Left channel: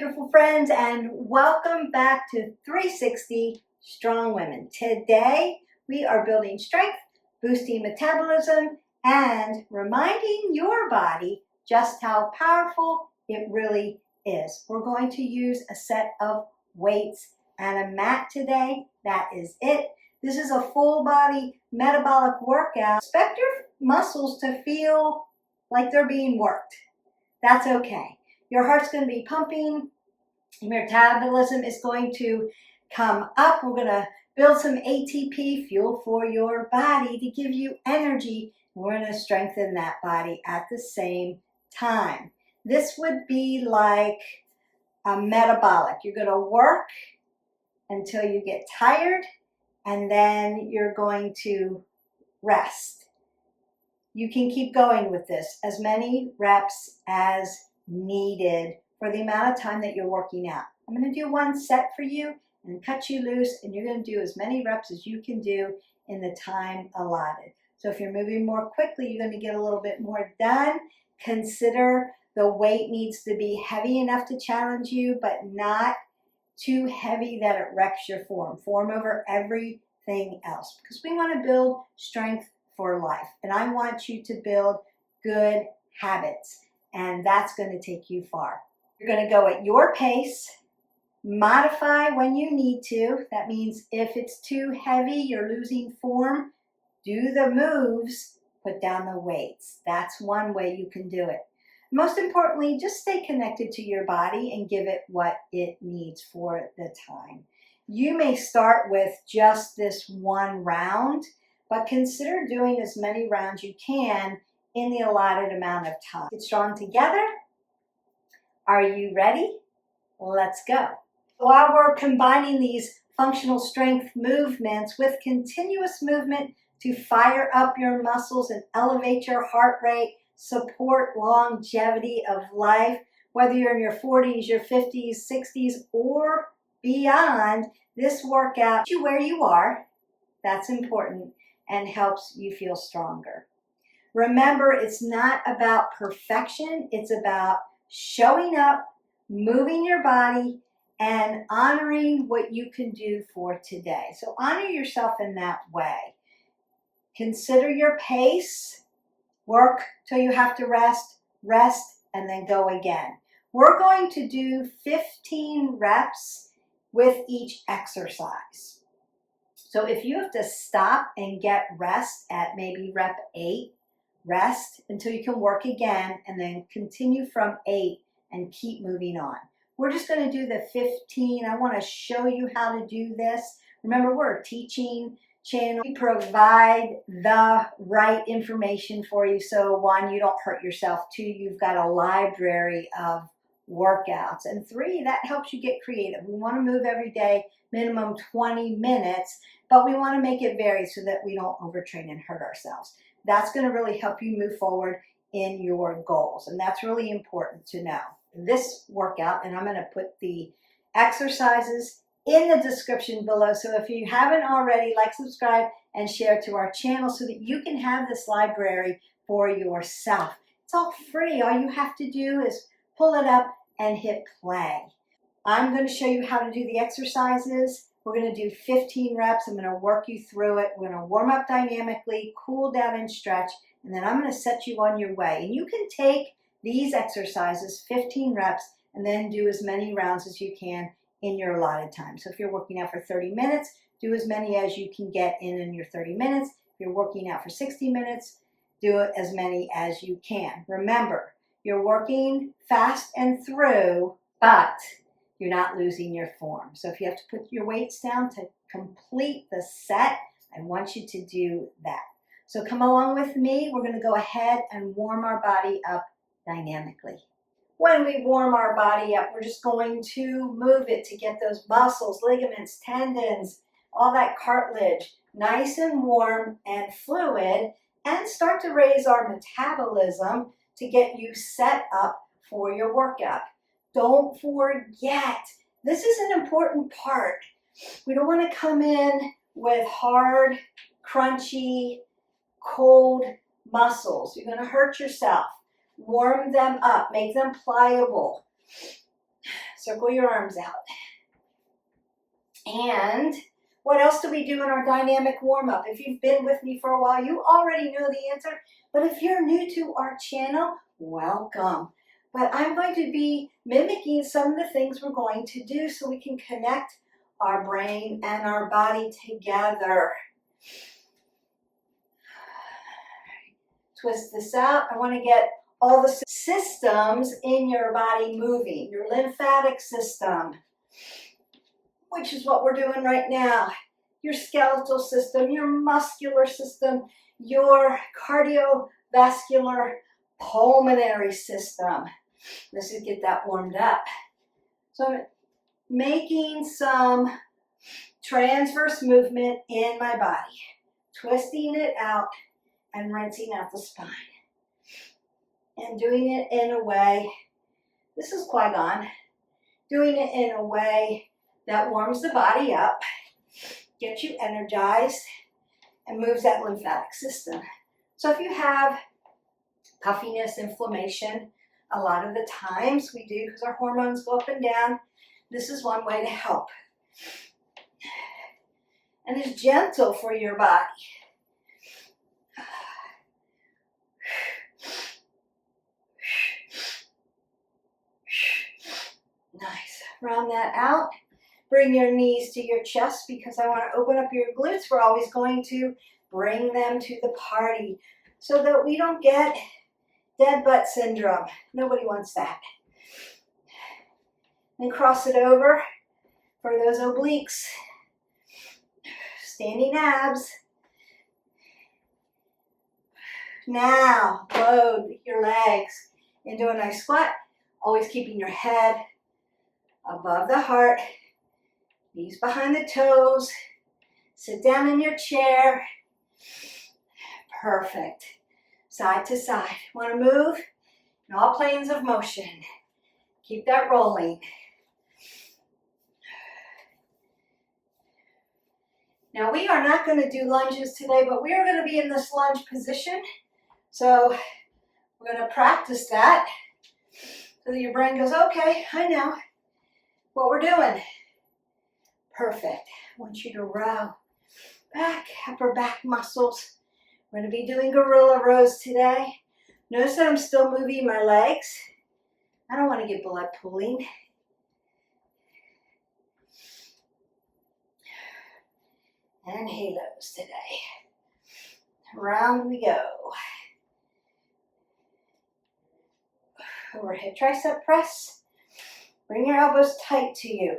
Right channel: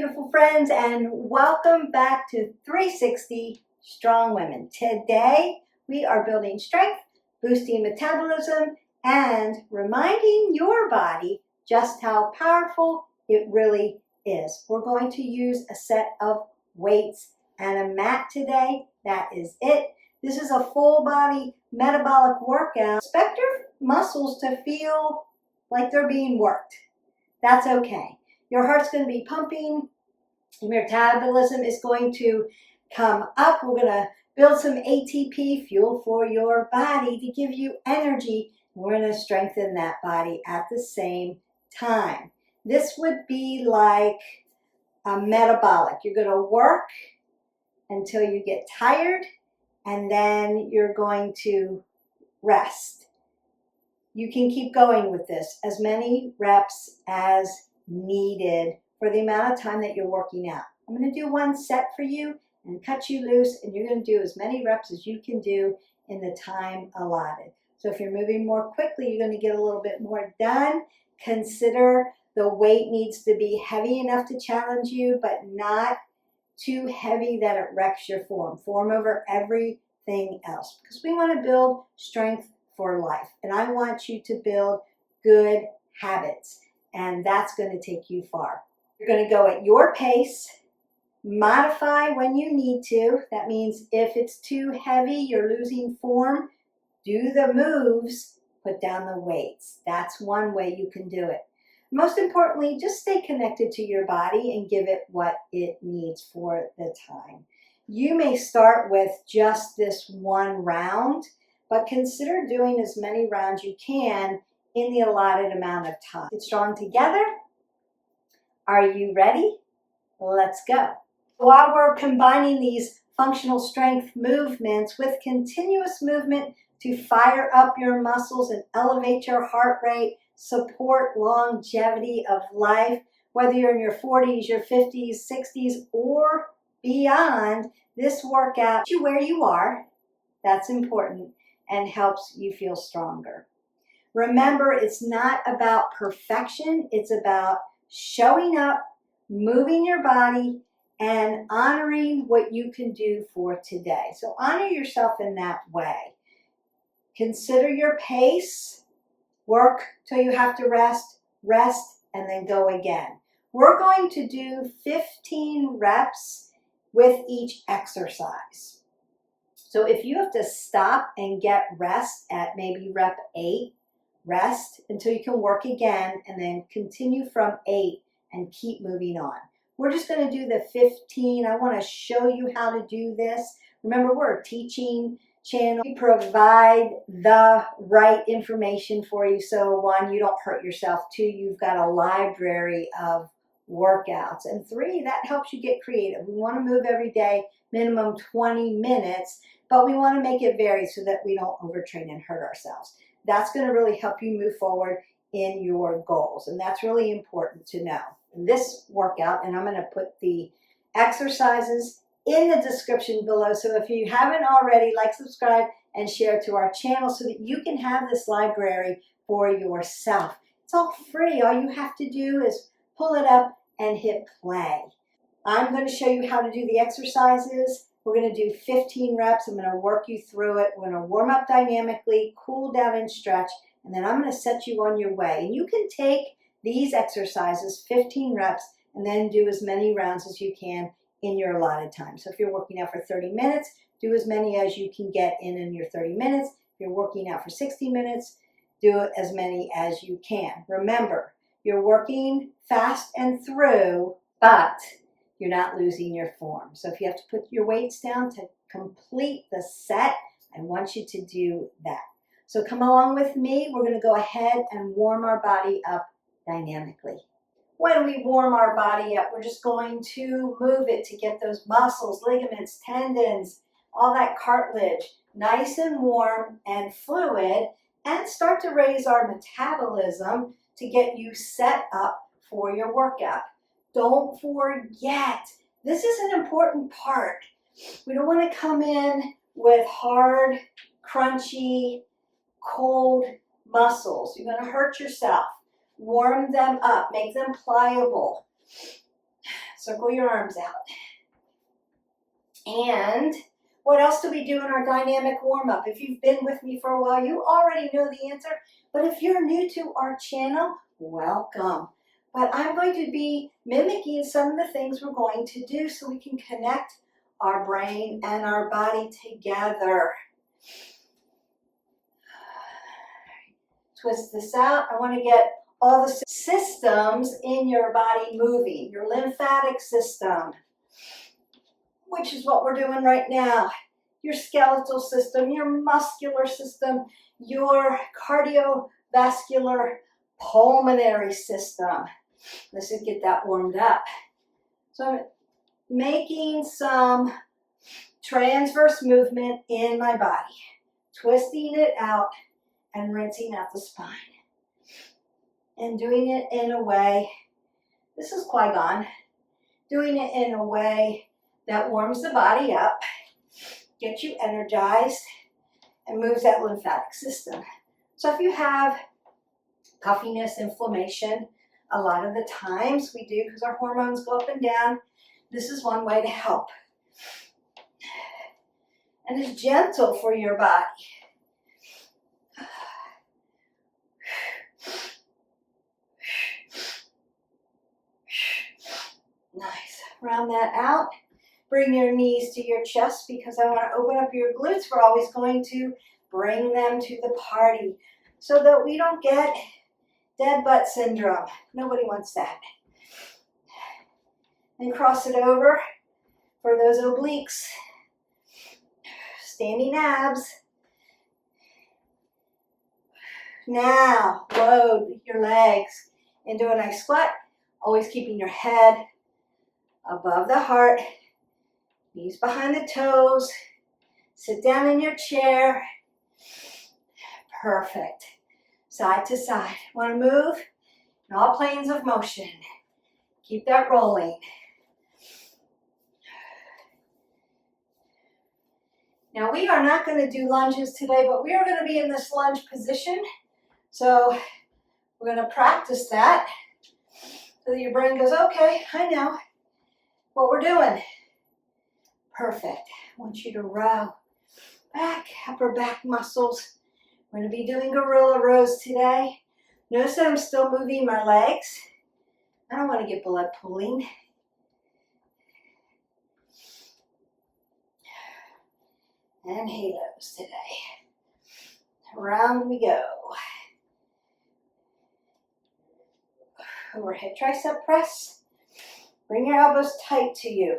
beautiful friends, and welcome back to 360 Strong Women. Today we are building strength, boosting metabolism, and reminding your body just how powerful it really is. We're going to use a set of weights and a mat today. That is it. This is a full body metabolic workout. Expect your muscles to feel like they're being worked. That's okay. Your heart's going to be pumping. Your metabolism is going to come up. We're going to build some ATP, fuel for your body, to give you energy. We're going to strengthen that body at the same time. This would be like a metabolic. You're going to work until you get tired, and then you're going to rest. You can keep going with this, as many reps as needed for the amount of time that you're working out. I'm going to do one set for you and cut you loose, and you're going to do as many reps as you can do in the time allotted. So if you're moving more quickly, you're going to get a little bit more done. Consider the weight needs to be heavy enough to challenge you, but not too heavy that it wrecks your form. Form over everything else, because we want to build strength for life. And I want you to build good habits. And that's going to take you far. You're going to go at your pace, modify when you need to. That means if it's too heavy, you're losing form, do the moves, put down the weights. That's one way you can do it. Most importantly, just stay connected to your body and give it what it needs for the time. You may start with just this one round, but consider doing as many rounds you can in the allotted amount of time. Get strong together. Are you ready? Let's go. While we're combining these functional strength movements with continuous movement to fire up your muscles and elevate your heart rate, support longevity of life, whether you're in your 40s, your 50s, 60s, or beyond, this workout you where you are. That's important and helps you feel stronger. Remember, it's not about perfection. It's about showing up, moving your body, and honoring what you can do for today. So honor yourself in that way. Consider your pace. Work till you have to rest, and then go again. We're going to do 15 reps with each exercise. So if you have to stop and get rest at maybe rep 8, rest until you can work again, and then continue from 8 and keep moving on. We're just going to do the 15. I want to show you how to do this. Remember, we're a teaching channel. We provide the right information for you. So 1, you don't hurt yourself. 2, you've got a library of workouts. And 3, that helps you get creative. We want to move every day, minimum 20 minutes, but we want to make it vary so that we don't overtrain and hurt ourselves. That's going to really help you move forward in your goals. And that's really important to know. This workout, and I'm going to put the exercises in the description below. So if you haven't already, like, subscribe, and share to our channel so that you can have this library for yourself. It's all free. All you have to do is pull it up and hit play. I'm going to show you how to do the exercises. We're going to do 15 reps. I'm going to work you through it. We're going to warm up dynamically, cool down and stretch, and then I'm going to set you on your way. And you can take these exercises, 15 reps, and then do as many rounds as you can in your allotted time. So if you're working out for 30 minutes, do as many as you can get in your 30 minutes. If you're working out for 60 minutes, do as many as you can. Remember, you're working fast and through, but you're not losing your form. So if you have to put your weights down to complete the set, I want you to do that. So come along with me. We're going to go ahead and warm our body up dynamically. When we warm our body up, we're just going to move it to get those muscles, ligaments, tendons, all that cartilage nice and warm and fluid, and start to raise our metabolism to get you set up for your workout. Don't forget, this is an important part. We don't want to come in with hard, crunchy, cold muscles. You're going to hurt yourself. Warm them up, make them pliable. Circle your arms out. And what else do we do in our dynamic warm-up? If you've been with me for a while, you already know the answer. But if you're new to our channel, welcome. But I'm going to be mimicking some of the things we're going to do so we can connect our brain and our body together. Twist this out. I want to get all the systems in your body moving. Your lymphatic system, which is what we're doing right now. Your skeletal system, your muscular system, your cardiovascular pulmonary system. Let's just get that warmed up. So I'm making some transverse movement in my body, twisting it out and rinsing out the spine. And doing it in a way, this is Qui-Gon, doing it in a way that warms the body up, gets you energized, and moves that lymphatic system. So if you have puffiness, inflammation, a lot of the times we do because our hormones go up and down, this is one way to help. And it's gentle for your body. Nice. Round that out. Bring your knees to your chest because I want to open up your glutes. We're always going to bring them to the party so that we don't get dead butt syndrome. Nobody wants that. And cross it over for those obliques. Standing abs. Now, load your legs into a nice squat. Always keeping your head above the heart. Knees behind the toes. Sit down in your chair. Perfect. Side to side. Want to move in all planes of motion. Keep that rolling. Now we are not going to do lunges today, but we are going to be in this lunge position. So we're going to practice that so that your brain goes, okay, I know what we're doing. Perfect. I want you to row back, upper back muscles. We're going to be doing gorilla rows today. Notice that I'm still moving my legs. I don't want to get blood pooling. And halos today. Around we go. Overhead tricep press. Bring your elbows tight to you.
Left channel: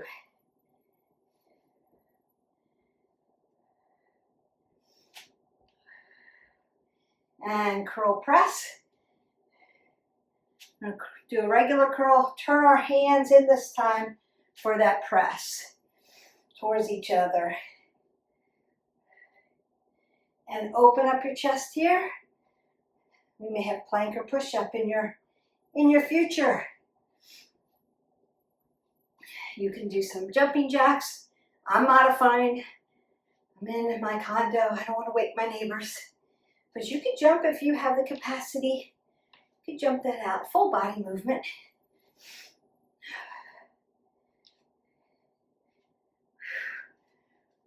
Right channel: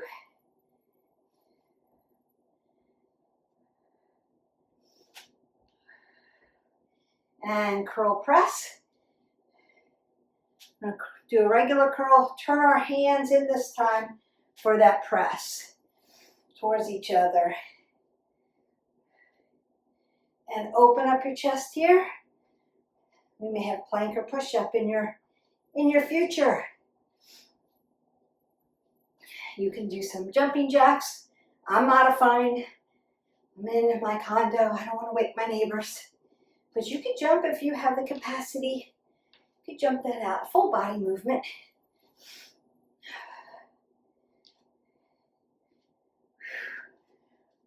And curl press. I'm going to do a regular curl. Turn our hands in this time for that press towards each other. And open up your chest here. We may have plank or push-up in your future. You can do some jumping jacks. I'm modifying. I'm in my condo. I don't want to wake my neighbors. But you can jump if you have the capacity. You can jump that out. Full body movement.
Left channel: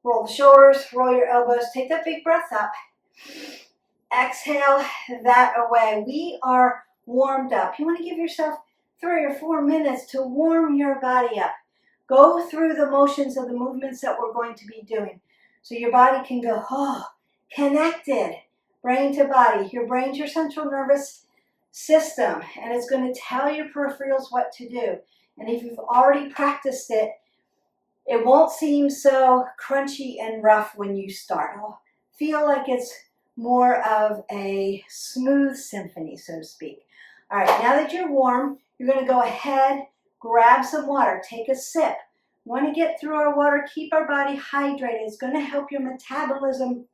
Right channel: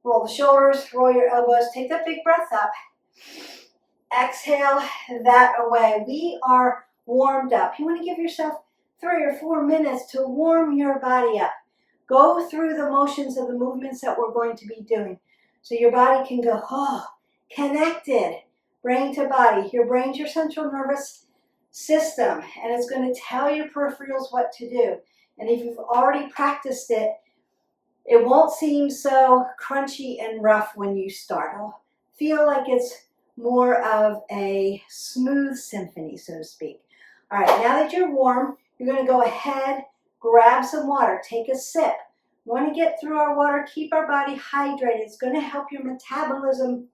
Roll the shoulders, roll your elbows. Take that big breath up. Exhale that away. We are warmed up. You want to give yourself 3 or 4 minutes to warm your body up. Go through the motions of the movements that we're going to be doing. So your body can go, oh, connected. Brain to body. Your brain's your central nervous system, and it's going to tell your peripherals what to do. And if you've already practiced it, it won't seem so crunchy and rough when you start. It'll feel like it's more of a smooth symphony, so to speak. All right, now that you're warm, you're going to go ahead, grab some water, take a sip. Want to get through our water, keep our body hydrated. It's going to help your metabolism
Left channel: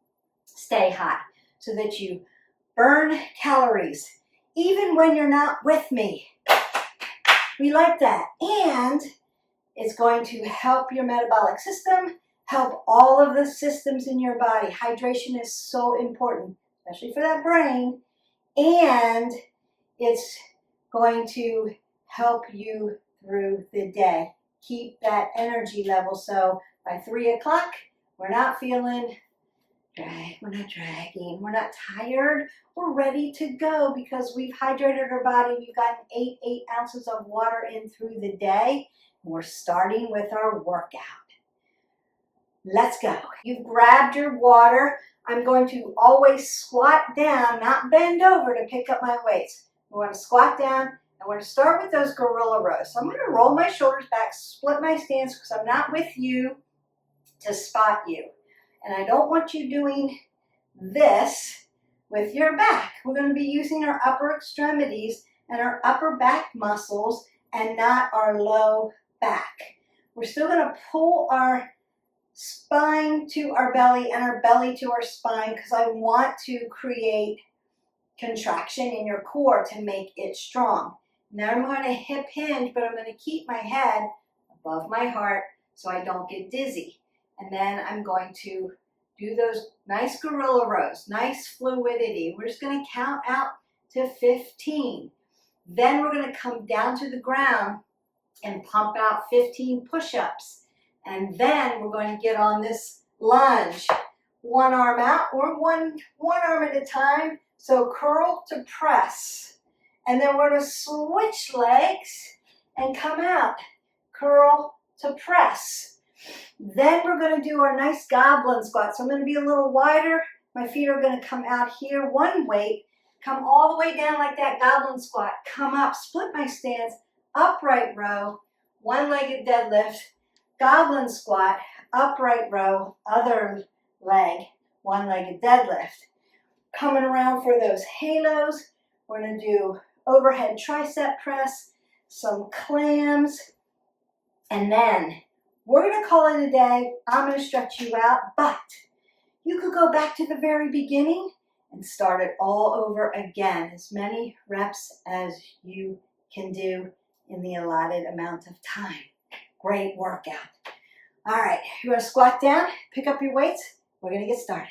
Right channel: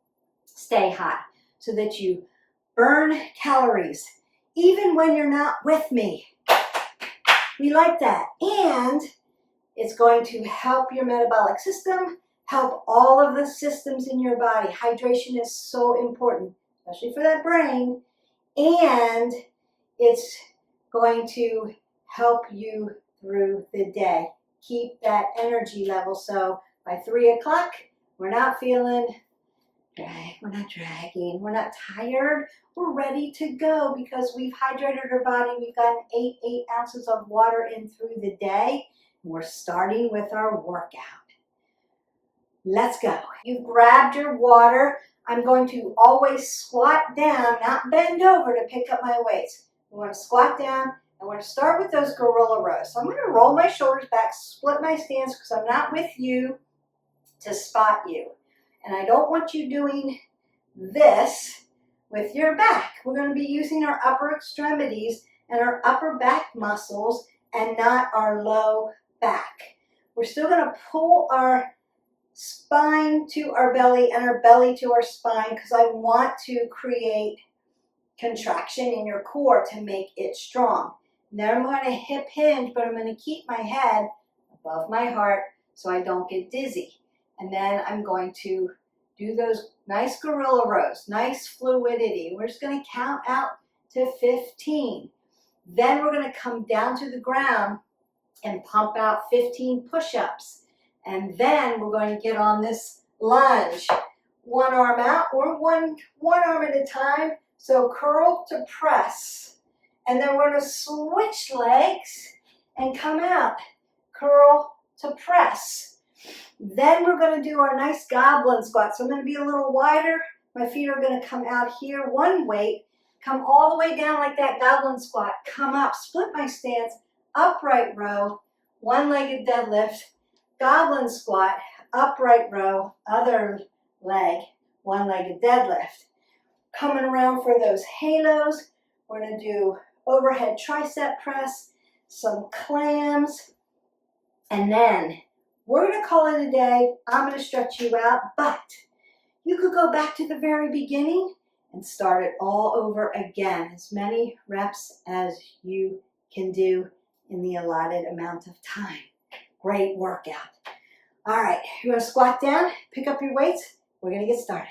stay hot so that you burn calories, even when you're not with me. We like that. And it's going to help your metabolic system, help all of the systems in your body. Hydration is so important, especially for that brain. And it's going to help you through the day. Keep that energy level so by 3 o'clock, we're not feeling we're not dragging, we're not tired, we're ready to go because we've hydrated our body, we've gotten 8 ounces of water in through the day, and we're starting with our workout. Let's go. You've grabbed your water. I'm going to always squat down, not bend over to pick up my weights. We want to squat down, and we're going to start with those gorilla rows. So I'm going to roll my shoulders back, split my stance because I'm not with you to spot you. And I don't want you doing this with your back. We're going to be using our upper extremities and our upper back muscles and not our low back. We're still going to pull our spine to our belly and our belly to our spine because I want to create contraction in your core to make it strong. Then I'm going to hip hinge, but I'm going to keep my head above my heart so I don't get dizzy. And then I'm going to do those nice gorilla rows, nice fluidity. We're just going to count out to 15. Then we're going to come down to the ground and pump out 15 push-ups. And then we're going to get on this lunge. One arm out or one arm at a time. So curl to press. And then we're going to switch legs and come out. Curl to press. Then we're going to do our nice goblin squat. So I'm going to be a little wider. My feet are going to come out here. One weight. Come all the way down like that goblin squat. Come up. Split my stance. Upright row. One-legged deadlift. Goblin squat. Upright row. Other leg. One-legged deadlift. Coming around for those halos. We're going to do overhead tricep press. Some clams. And then we're going to call it a day. I'm going to stretch you out, but you could go back to the very beginning and start it all over again. As many reps as you can do in the allotted amount of time. Great workout. All right, you want to squat down, pick up your weights. We're going to get started.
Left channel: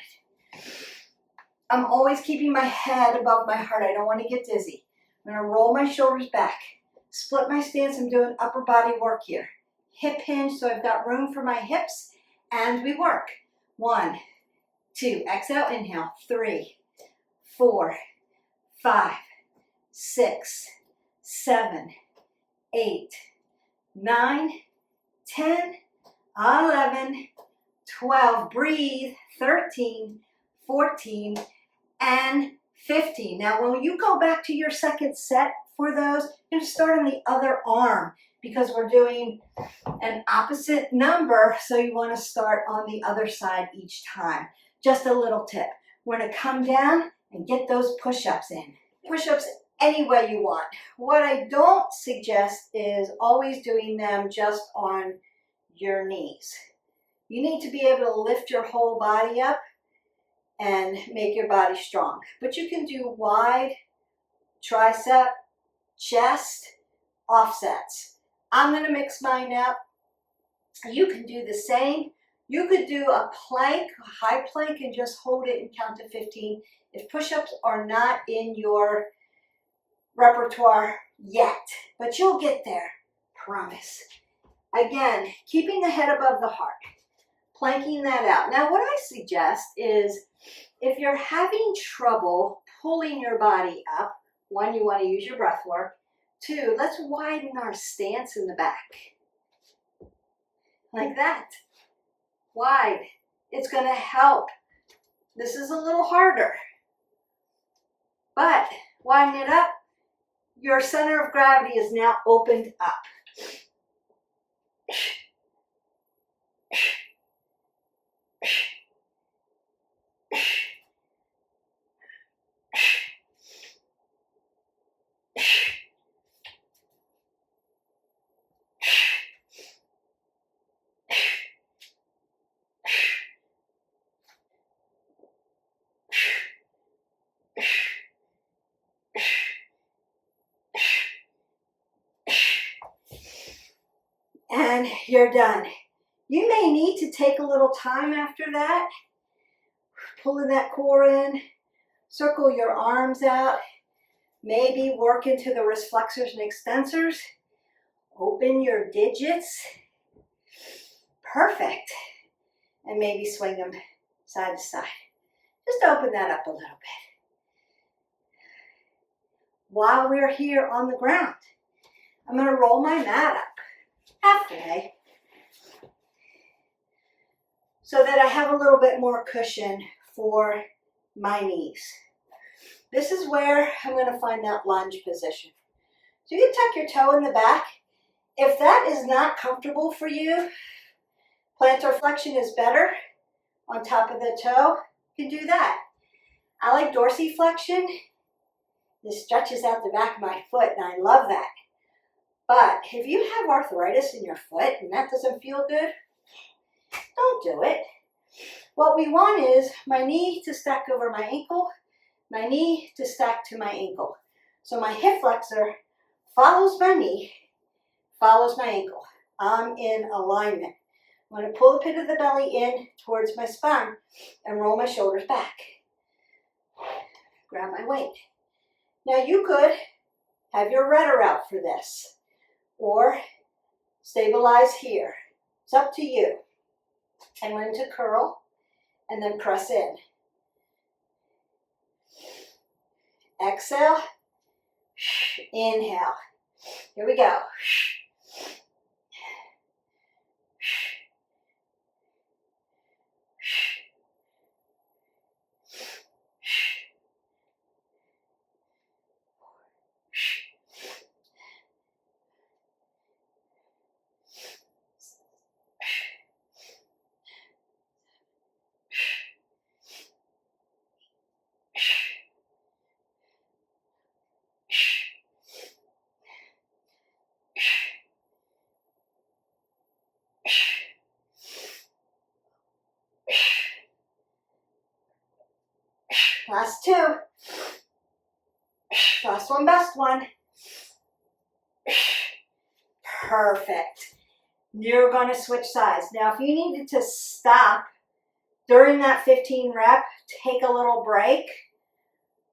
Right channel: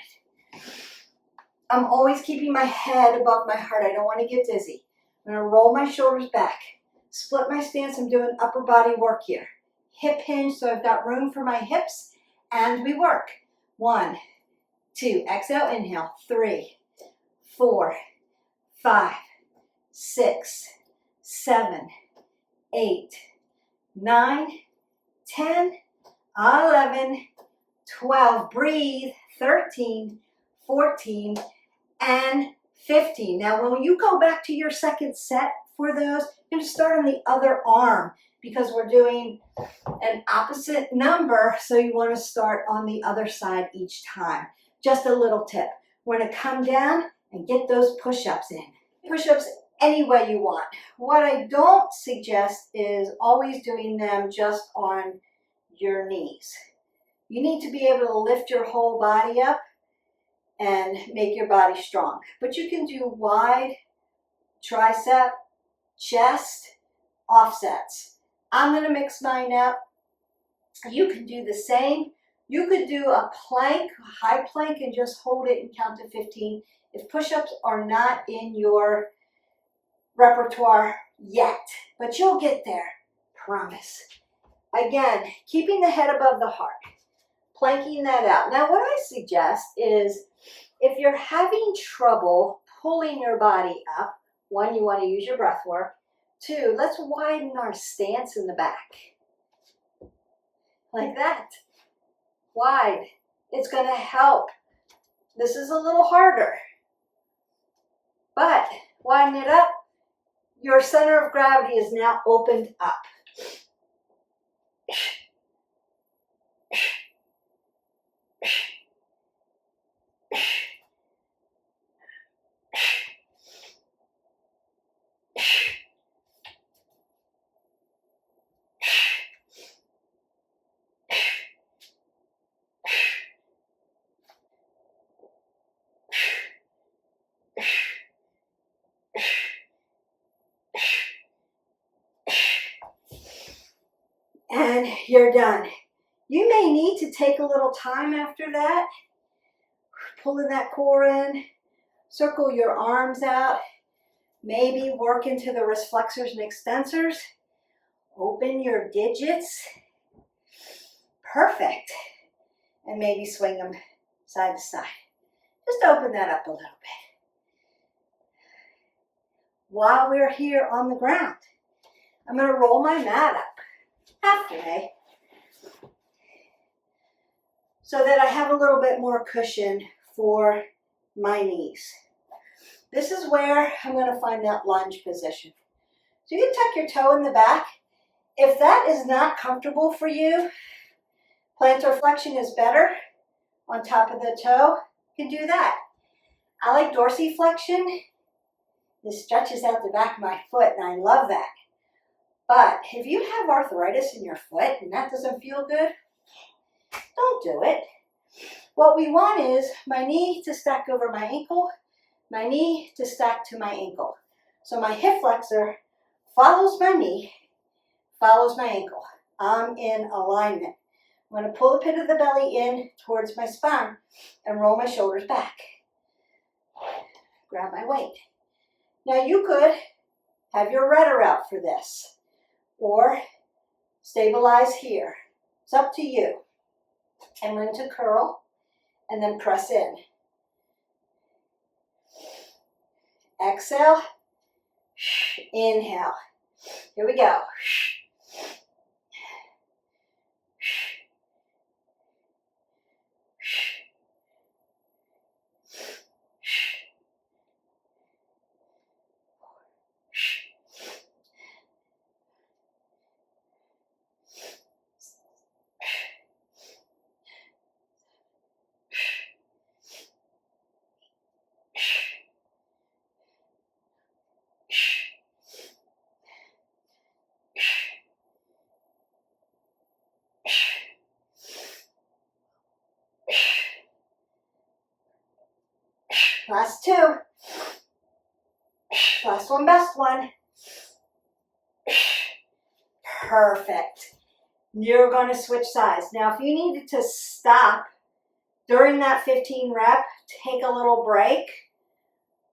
I'm always keeping my head above my heart. I don't want to get dizzy. I'm going to roll my shoulders back, split my stance. I'm doing upper body work here. Hip hinge, so I've got room for my hips, and we work. 1, 2, exhale, inhale, 3, 4, 5, 6, 7, 8, 9, 10, 11, 12, breathe, 13, 14, and 15. Now, when you go back to your second set for those, you're going to start on the other arm because we're doing an opposite number, so you want to start on the other side each time. Just a little tip. We're going to come down and get those push-ups in. Push-ups any way you want. What I don't suggest is always doing them just on your knees. You need to be able to lift your whole body up and make your body strong. But you can do wide, tricep, chest, offsets. I'm going to mix mine up. You can do the same. You could do a plank, a high plank, and just hold it and count to 15. If push-ups are not in your repertoire yet, but you'll get there, promise. Again, keeping the head above the heart, planking that out. Now, what I suggest is if you're having trouble pulling your body up, 1, you want to use your breath work. 2, let's widen our stance in the back. Like that. Wide. It's going to help. This is a little harder. But widen it up. Your center of gravity is now opened up. And you're done. You may need to take a little time after that, pulling that core in, circle your arms out, maybe work into the wrist flexors and extensors, Open your digits. Perfect. And maybe swing them side to side. Just open that up a little bit. While we're here on the ground, I'm going to roll my mat up halfway so that I have a little bit more cushion for my knees. This is where I'm going to find that lunge position. So you can tuck your toe in the back. If that is not comfortable for you, plantar flexion is better on top of the toe. You can do that. I like dorsiflexion. This stretches out the back of my foot, and I love that. But if you have arthritis in your foot and that doesn't feel good, don't do it. What we want is my knee to stack over my ankle, my knee to stack to my ankle. So my hip flexor follows my knee, follows my ankle. I'm in alignment. I'm going to pull the pit of the belly in towards my spine and roll my shoulders back. Grab my weight. Now you could have your rudder out for this or stabilize here. It's up to you. I'm going to curl and then press in. Exhale, inhale. Here we go. Last two. Last one, best one. Perfect. You're going to switch sides. Now, if you needed to stop during that 15 rep, take a little break,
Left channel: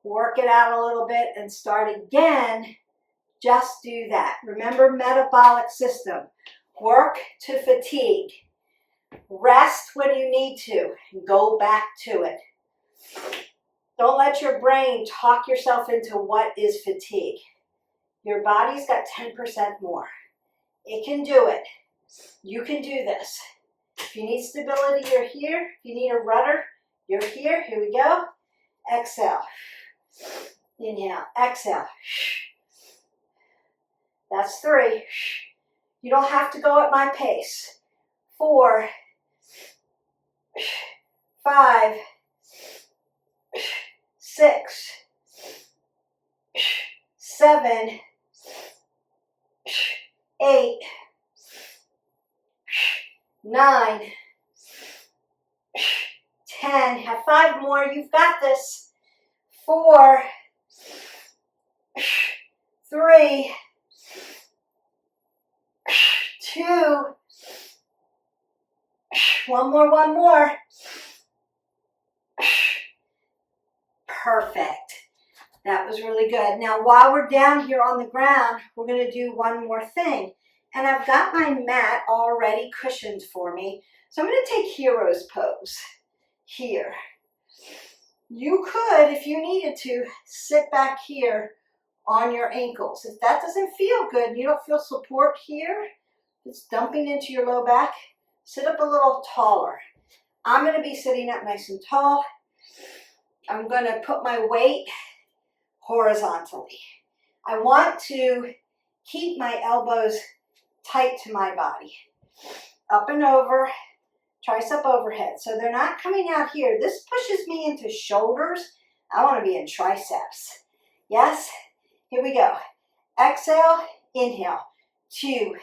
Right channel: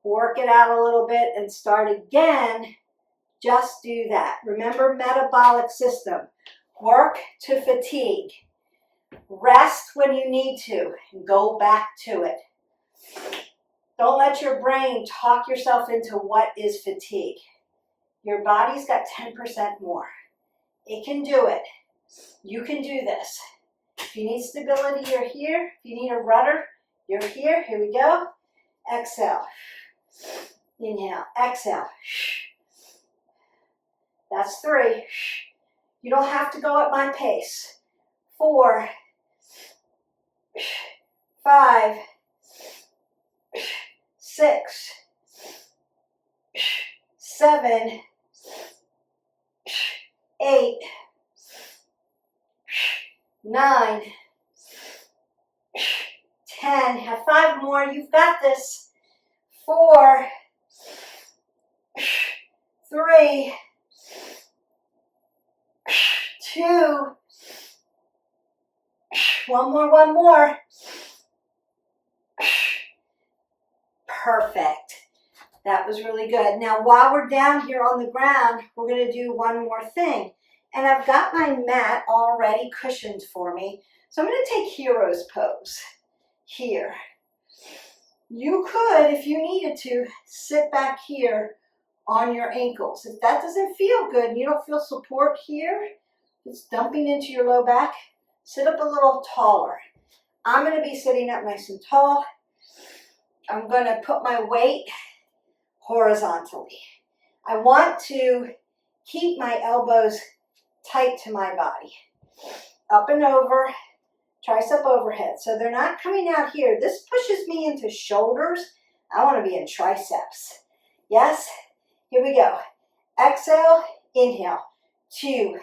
work it out a little bit, and start again, just do that. Remember, metabolic system. Work to fatigue. Rest when you need to, and go back to it. Don't let your brain talk yourself into what is fatigue. Your body's got 10% more. It can do it. You can do this. If you need stability, you're here. If you need a rudder, you're here. Here we go. Exhale. Inhale. Exhale. That's 3. You don't have to go at my pace. 4, 5, 6, 7, 8, 9, 10. Have 5 more. You've got this. 4, 3, 2. One more. Perfect. That was really good. Now, while we're down here on the ground, we're going to do one more thing. And I've got my mat already cushioned for me. So I'm going to take hero's pose here. You could, if you needed to, sit back here on your ankles. If that doesn't feel good and you don't feel support here, it's dumping into your low back, sit up a little taller. I'm going to be sitting up nice and tall. I'm going to put my weight horizontally. I want to keep my elbows tight to my body. Up and over, tricep overhead. So they're not coming out here. This pushes me into shoulders. I want to be in triceps. Yes? Here we go. Exhale, inhale. 2,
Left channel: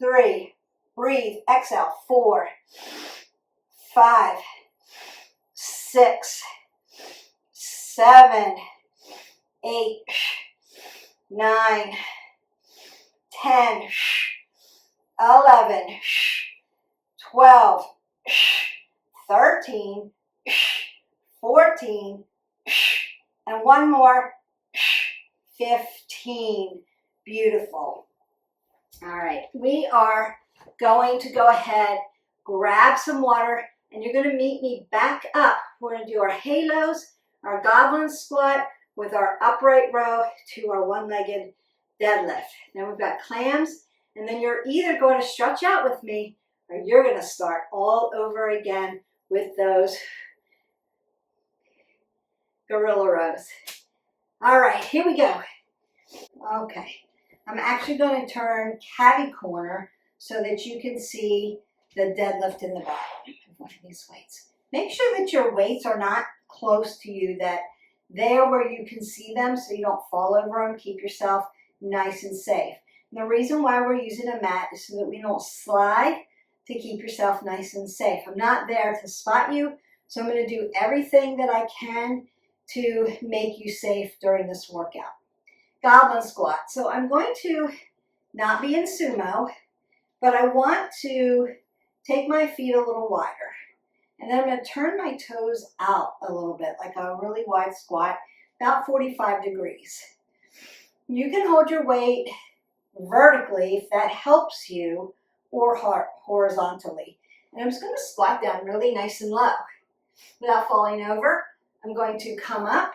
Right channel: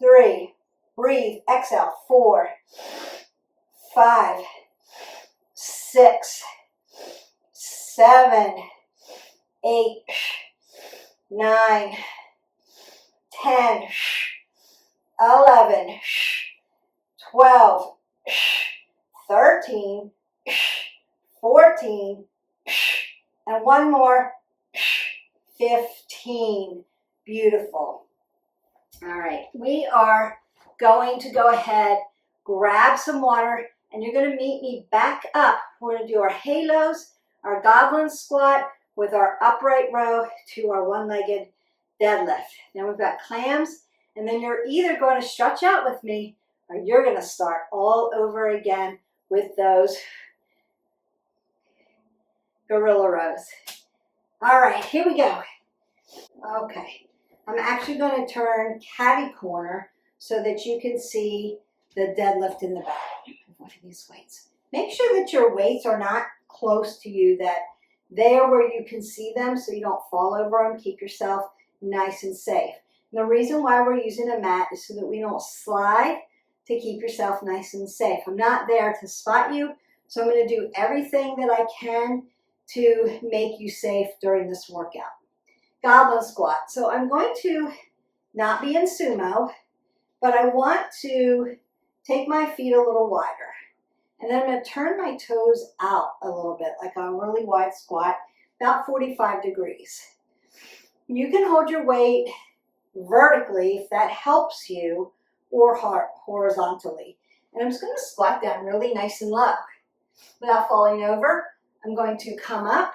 3, breathe. Exhale. 4, 5, 6, 7, 8, 9, 10, 11, 12, 13, 14, and one more, 15. Beautiful. All right, we are going to go ahead, grab some water, and you're going to meet me back up. We're going to do our halos, our goblin squat with our upright row to our one-legged deadlift. Then we've got clams, and then you're either going to stretch out with me or you're going to start all over again with those gorilla rows. All right, here we go. Okay, I'm actually going to turn catty corner so that you can see the deadlift in the back of one of these weights. Make sure that your weights are not close to you, that they're where you can see them so you don't fall over them. Keep yourself nice and safe. And the reason why we're using a mat is so that we don't slide, to keep yourself nice and safe. I'm not there to spot you, so I'm going to do everything that I can to make you safe during this workout. Goblin squat. So I'm going to not be in sumo, but I want to take my feet a little wider. And then I'm going to turn my toes out a little bit, like a really wide squat, about 45 degrees. You can hold your weight vertically if that helps you, or horizontally. And I'm just going to squat down really nice and low. Without falling over, I'm going to come up,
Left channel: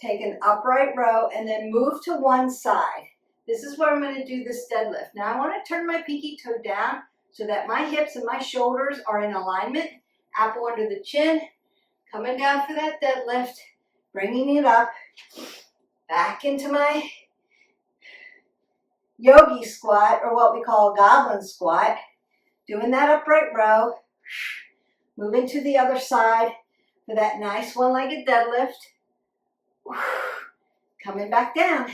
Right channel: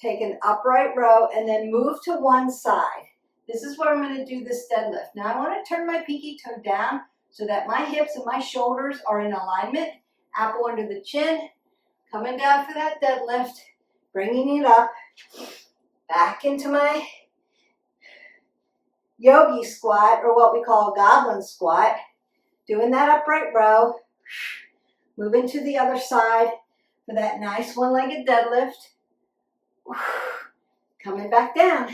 take an upright row, and then move to one side. This is where I'm going to do this deadlift. Now I want to turn my pinky toe down so that my hips and my shoulders are in alignment. Apple under the chin, coming down for that deadlift, bringing it up, back into my yogi squat, or what we call a goblin squat, doing that upright row, moving to the other side for that nice one-legged deadlift, coming back down,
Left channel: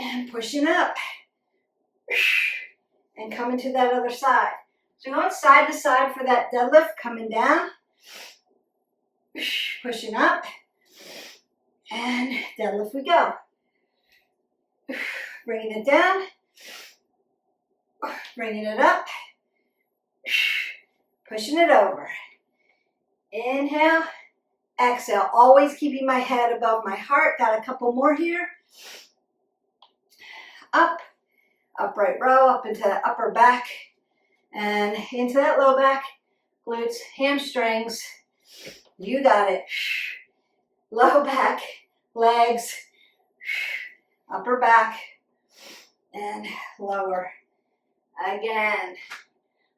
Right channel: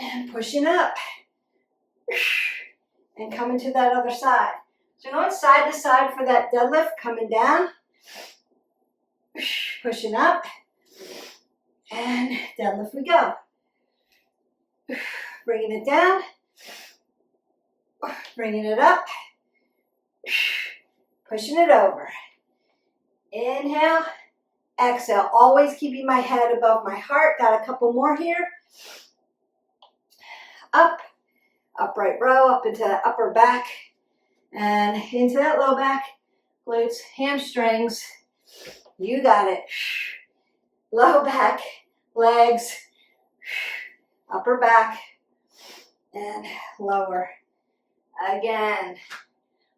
and pushing up, and coming to that other side. So going side to side for that deadlift, coming down, pushing up, and deadlift we go. Bringing it down, bringing it up, pushing it over. Inhale, exhale, always keeping my head above my heart. Got a couple more here. Up, upright row, up into the upper back, and into that low back, glutes, hamstrings. You got it. Low back, legs, upper back, and lower. Again,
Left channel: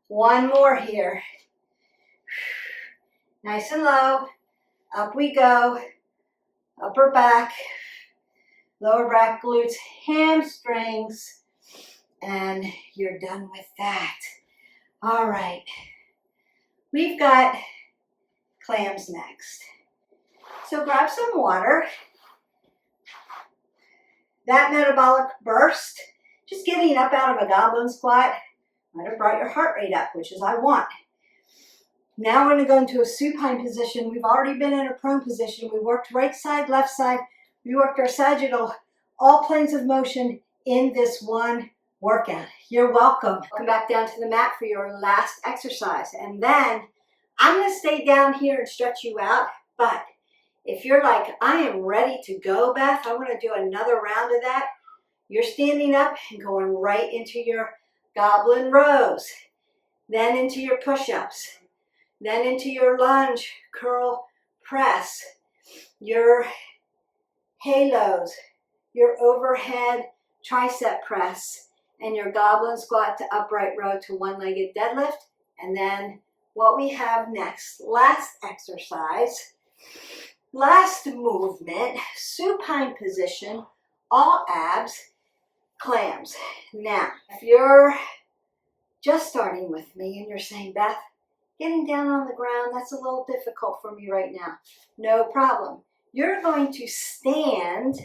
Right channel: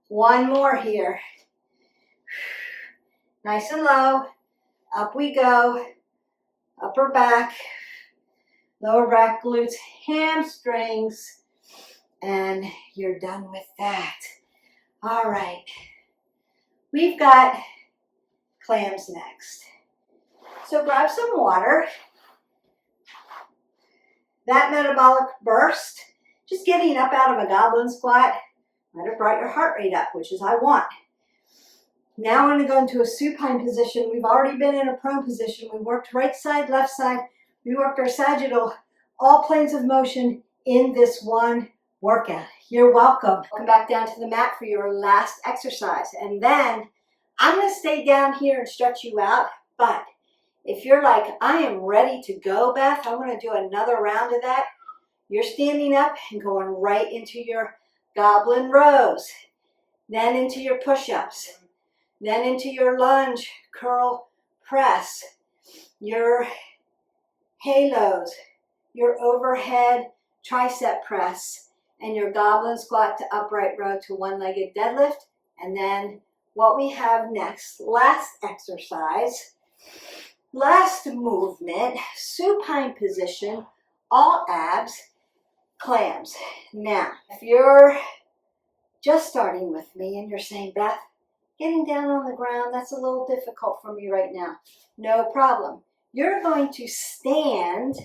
one more here. Nice and low, up we go, upper back, lower back, glutes, hamstrings, and you're done with that. All right, we've got clams next. So grab some water. That metabolic burst, just getting up out of a goblin squat, might have brought your heart rate up, which is I want. Now we're going to go into a supine position. We've already been in a prone position. We worked right side, left side. We worked our sagittal, all planes of motion in this one workout. You're welcome. Come back down to the mat for your last exercise. And then I'm going to stay down here and stretch you out. But if you're like, I am ready to go, Beth, I want to do another round of that, you're standing up and going right into your goblin rows, then into your push-ups, then into your lunge, curl, press, your halos, your overhead tricep press, and your goblin squat to upright row to one-legged deadlift. And then what we have next, last exercise, last movement, supine position, all abs, clams. Now, if you're just starting with me and you're saying, Beth, getting down on the ground, that's a little difficult for me right now. No problem. You're going to stand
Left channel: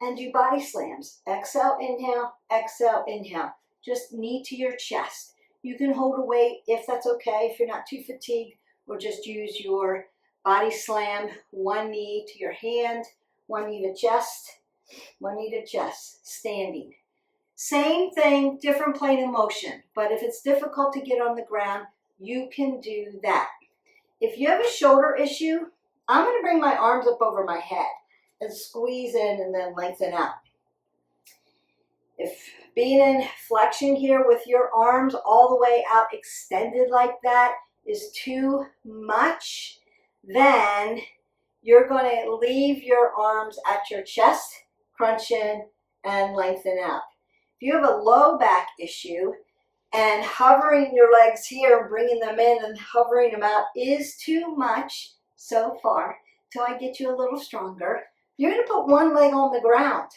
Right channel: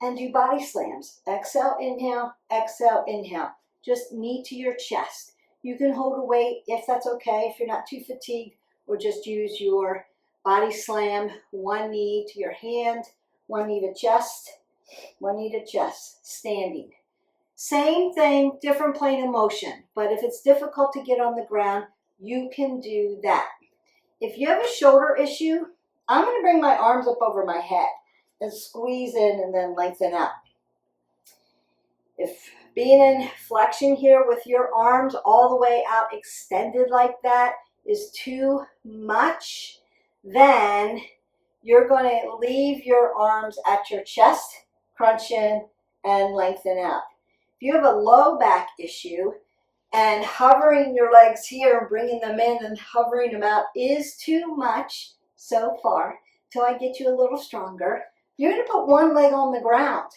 and do body slams. Exhale, inhale, exhale, inhale. Just knee to your chest. You can hold a weight if that's okay, if you're not too fatigued, or just use your body slam, one knee to your hand, one knee to chest, one knee to chest, standing. Same thing, different plane of motion, but if it's difficult to get on the ground, you can do that. If you have a shoulder issue, I'm going to bring my arms up over my head and squeeze in and then lengthen out. If being in flexion here with your arms all the way out extended like that is too much, then you're going to leave your arms at your chest, crunch in, and lengthen out. If you have a low back issue and hovering your legs here and bringing them in and hovering them out is too much so far, till I get you a little stronger, you're going to put one leg on the ground,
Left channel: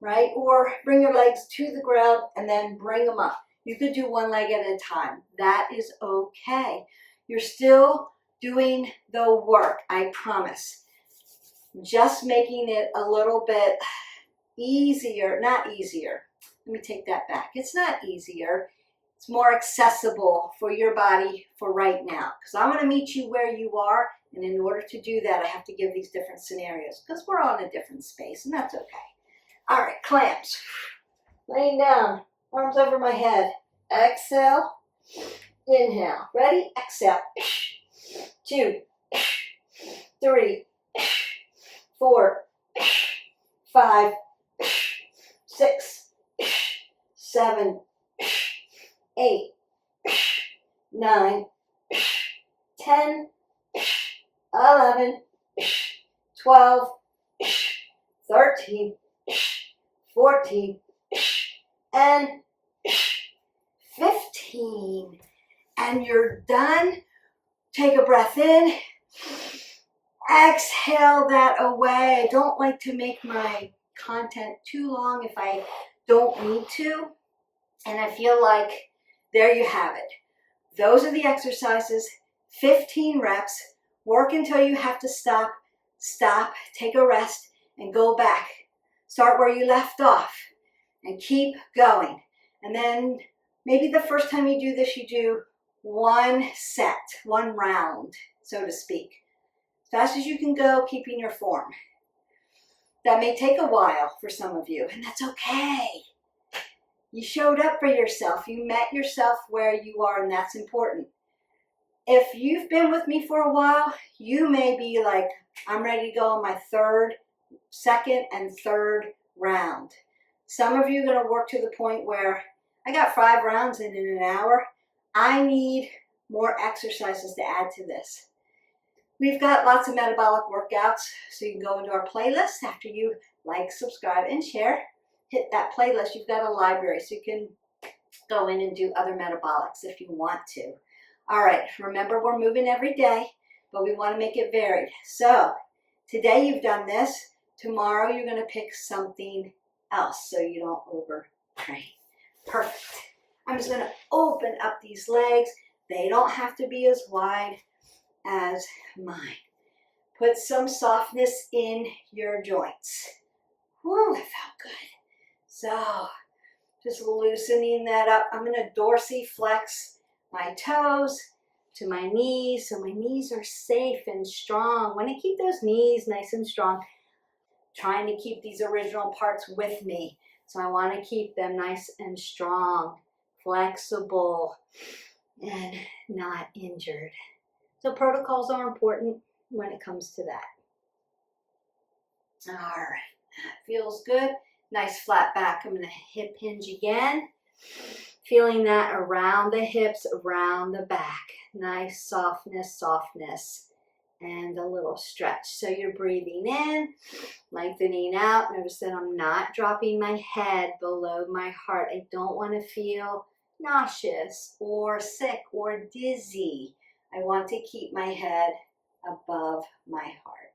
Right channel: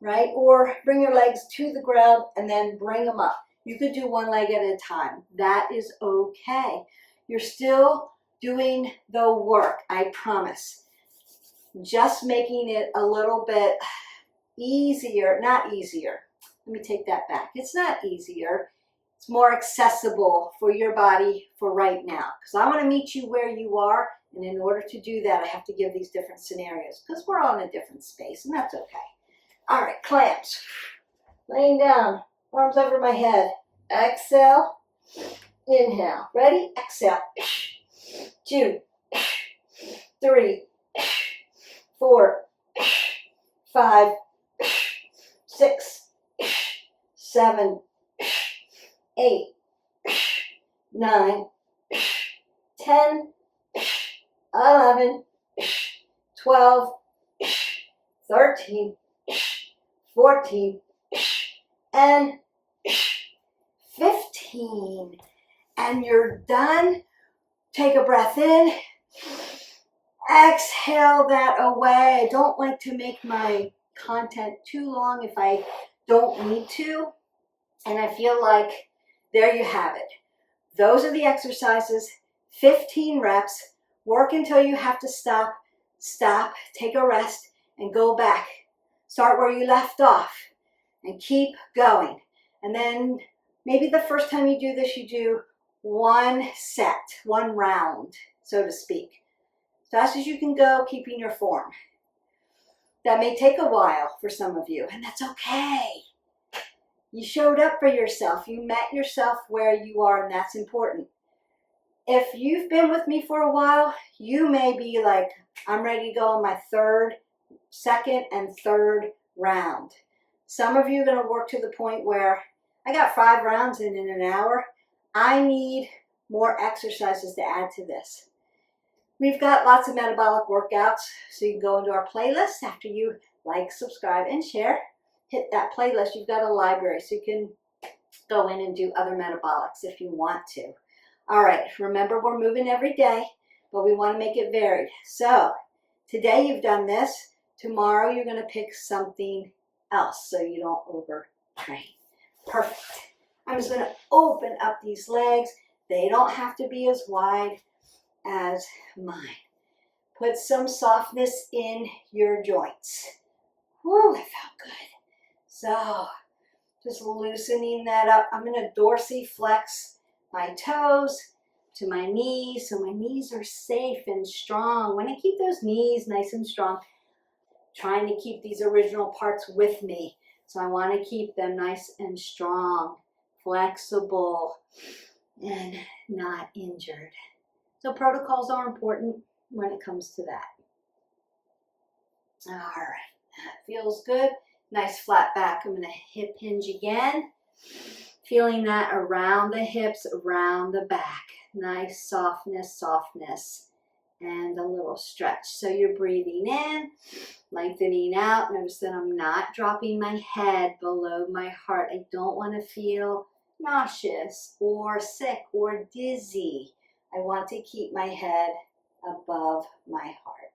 right? Or bring your legs to the ground and then bring them up. You could do one leg at a time. That is okay. You're still doing the work, I promise. Just making it a little bit easier, not easier. Let me take that back. It's not easier. It's more accessible for your body for right now. Because I want to meet you where you are. And in order to do that, I have to give these different scenarios because we're all in a different space, and that's okay. All right, clamps. Laying down, arms over my head. Exhale, inhale. Ready? Exhale. 2, 3, 4, 5, 6, 7, 8, 9, 10, 11, 12, 13, 14, and 15. And you're done. Take a breath in. Exhale that away. I don't like to make my content too long if I don't need to. And I feel like there you have it. Those are the exercises. 15 reps. Work until you have to stop, take a rest, and go back. Start where you left off and keep going. And then maybe the first time you do this, you do one set, one round, so to speak. As fast as you can go, keeping your form. That may take a while for some of you, and that's okay. You showed up for yourself. You met yourself where you are, and that's important. If you've been with me for a while, you may be like, I'm ready to go on my second and third round. Some of you are going to work to the point where I got 5 rounds in an hour. I need more exercises to add to this. We've got lots of metabolic workouts, so you can go into our playlist after you like, subscribe, and share. Hit that playlist. You've got a library, so you can go in and do other metabolics if you want to. All right, remember we're moving every day, but we want to make it varied. So today you've done this. Tomorrow you're going to pick something else so you don't overtrain. Perfect. I'm just going to open up these legs. They don't have to be as wide as mine. Put some softness in your joints. Whew, that felt good. So just loosening that up. I'm going to dorsiflex my toes to my knees, so my knees are safe and strong. When I keep those knees nice and strong, trying to keep these original parts with me. So I want to keep them nice and strong, flexible, and not injured. So protocols are important when it comes to that. All right, that feels good. Nice flat back. I'm going to hip hinge again. Feeling that around the hips, around the back. Nice softness, and a little stretch. So you're breathing in, lengthening out. Notice that I'm not dropping my head below my heart. I don't want to feel nauseous or sick or dizzy. I want to keep my head above my heart.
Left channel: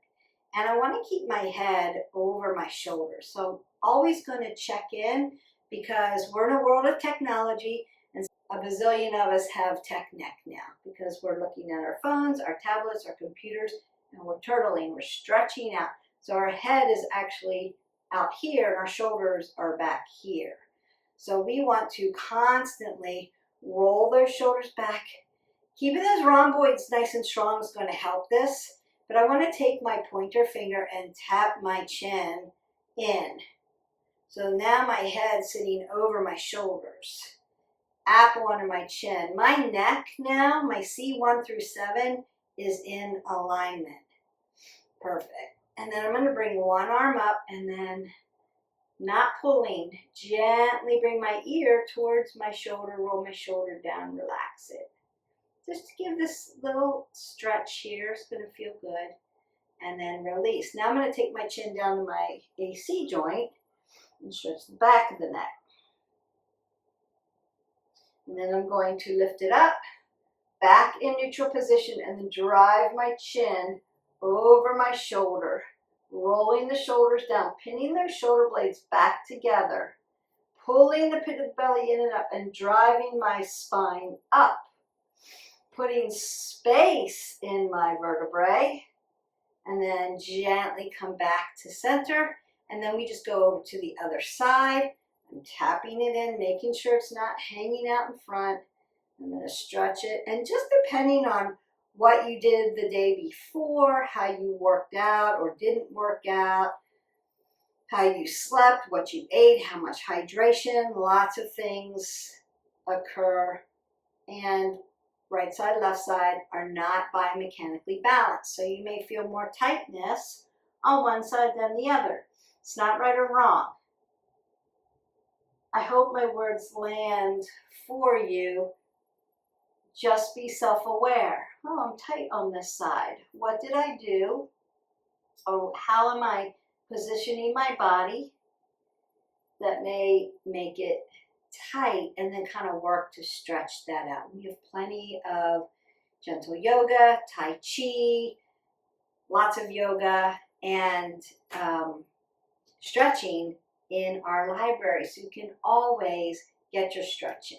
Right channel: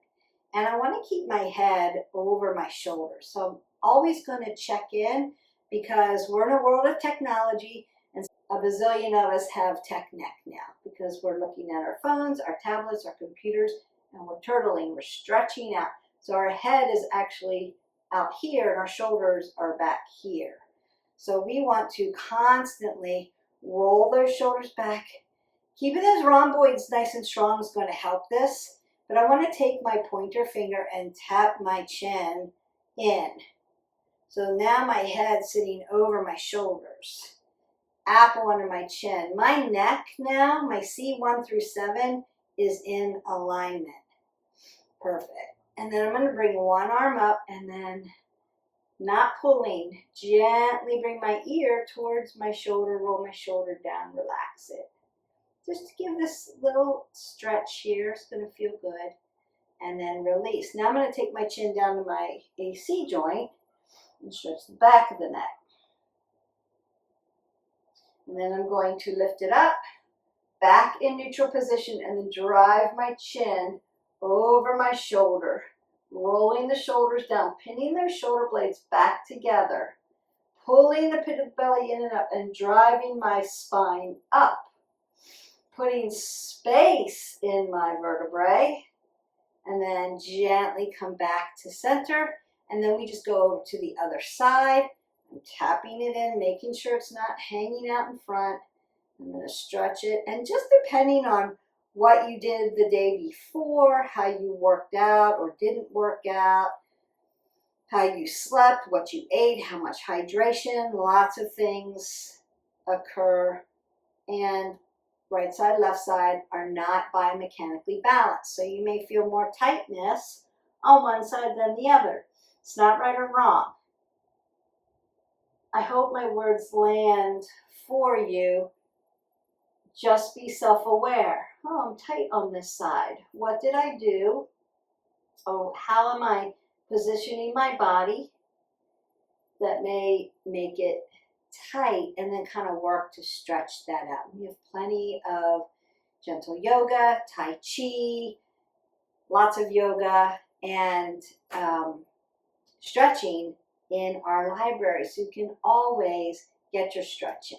And I want to keep my head over my shoulders. So I'm always going to check in, because we're in a world of technology, and a bazillion of us have tech neck now because we're looking at our phones, our tablets, our computers, and we're turtling, we're stretching out. So our head is actually out here and our shoulders are back here. So we want to constantly roll those shoulders back. Keeping those rhomboids nice and strong is going to help this, but I want to take my pointer finger and tap my chin in. So now my head's sitting over my shoulders, apple under my chin. My neck now, my C1 through 7, is in alignment. Perfect. And then I'm going to bring one arm up and then not pulling. Gently bring my ear towards my shoulder, roll my shoulder down, relax it. Just to give this little stretch here, it's going to feel good. And then release. Now I'm going to take my chin down to my AC joint and stretch the back of the neck. And then I'm going to lift it up, back in neutral position, and then drive my chin over my shoulder, rolling the shoulders down, pinning those shoulder blades back together, pulling the pit of the belly in and up, and driving my spine up, putting space in my vertebrae, and then gently come back to center, and then we just go over to the other side. I'm tapping it in, making sure it's not hanging out in front. I'm going to stretch it, and just depending on what you did the day before, how you worked out or didn't work out, how you slept, what you ate, how much hydration, lots of things occur, and right side, left side are not biomechanically balanced. So you may feel more tightness on one side than the other. It's not right or wrong. I hope my words land for you. Just be self-aware. Oh, I'm tight on this side. What did I do? Or how am I positioning my body that may make it tight, and then kind of work to stretch that out. We have plenty of gentle yoga, Tai Chi, lots of yoga, and stretching in our library, so you can always get your stretch in.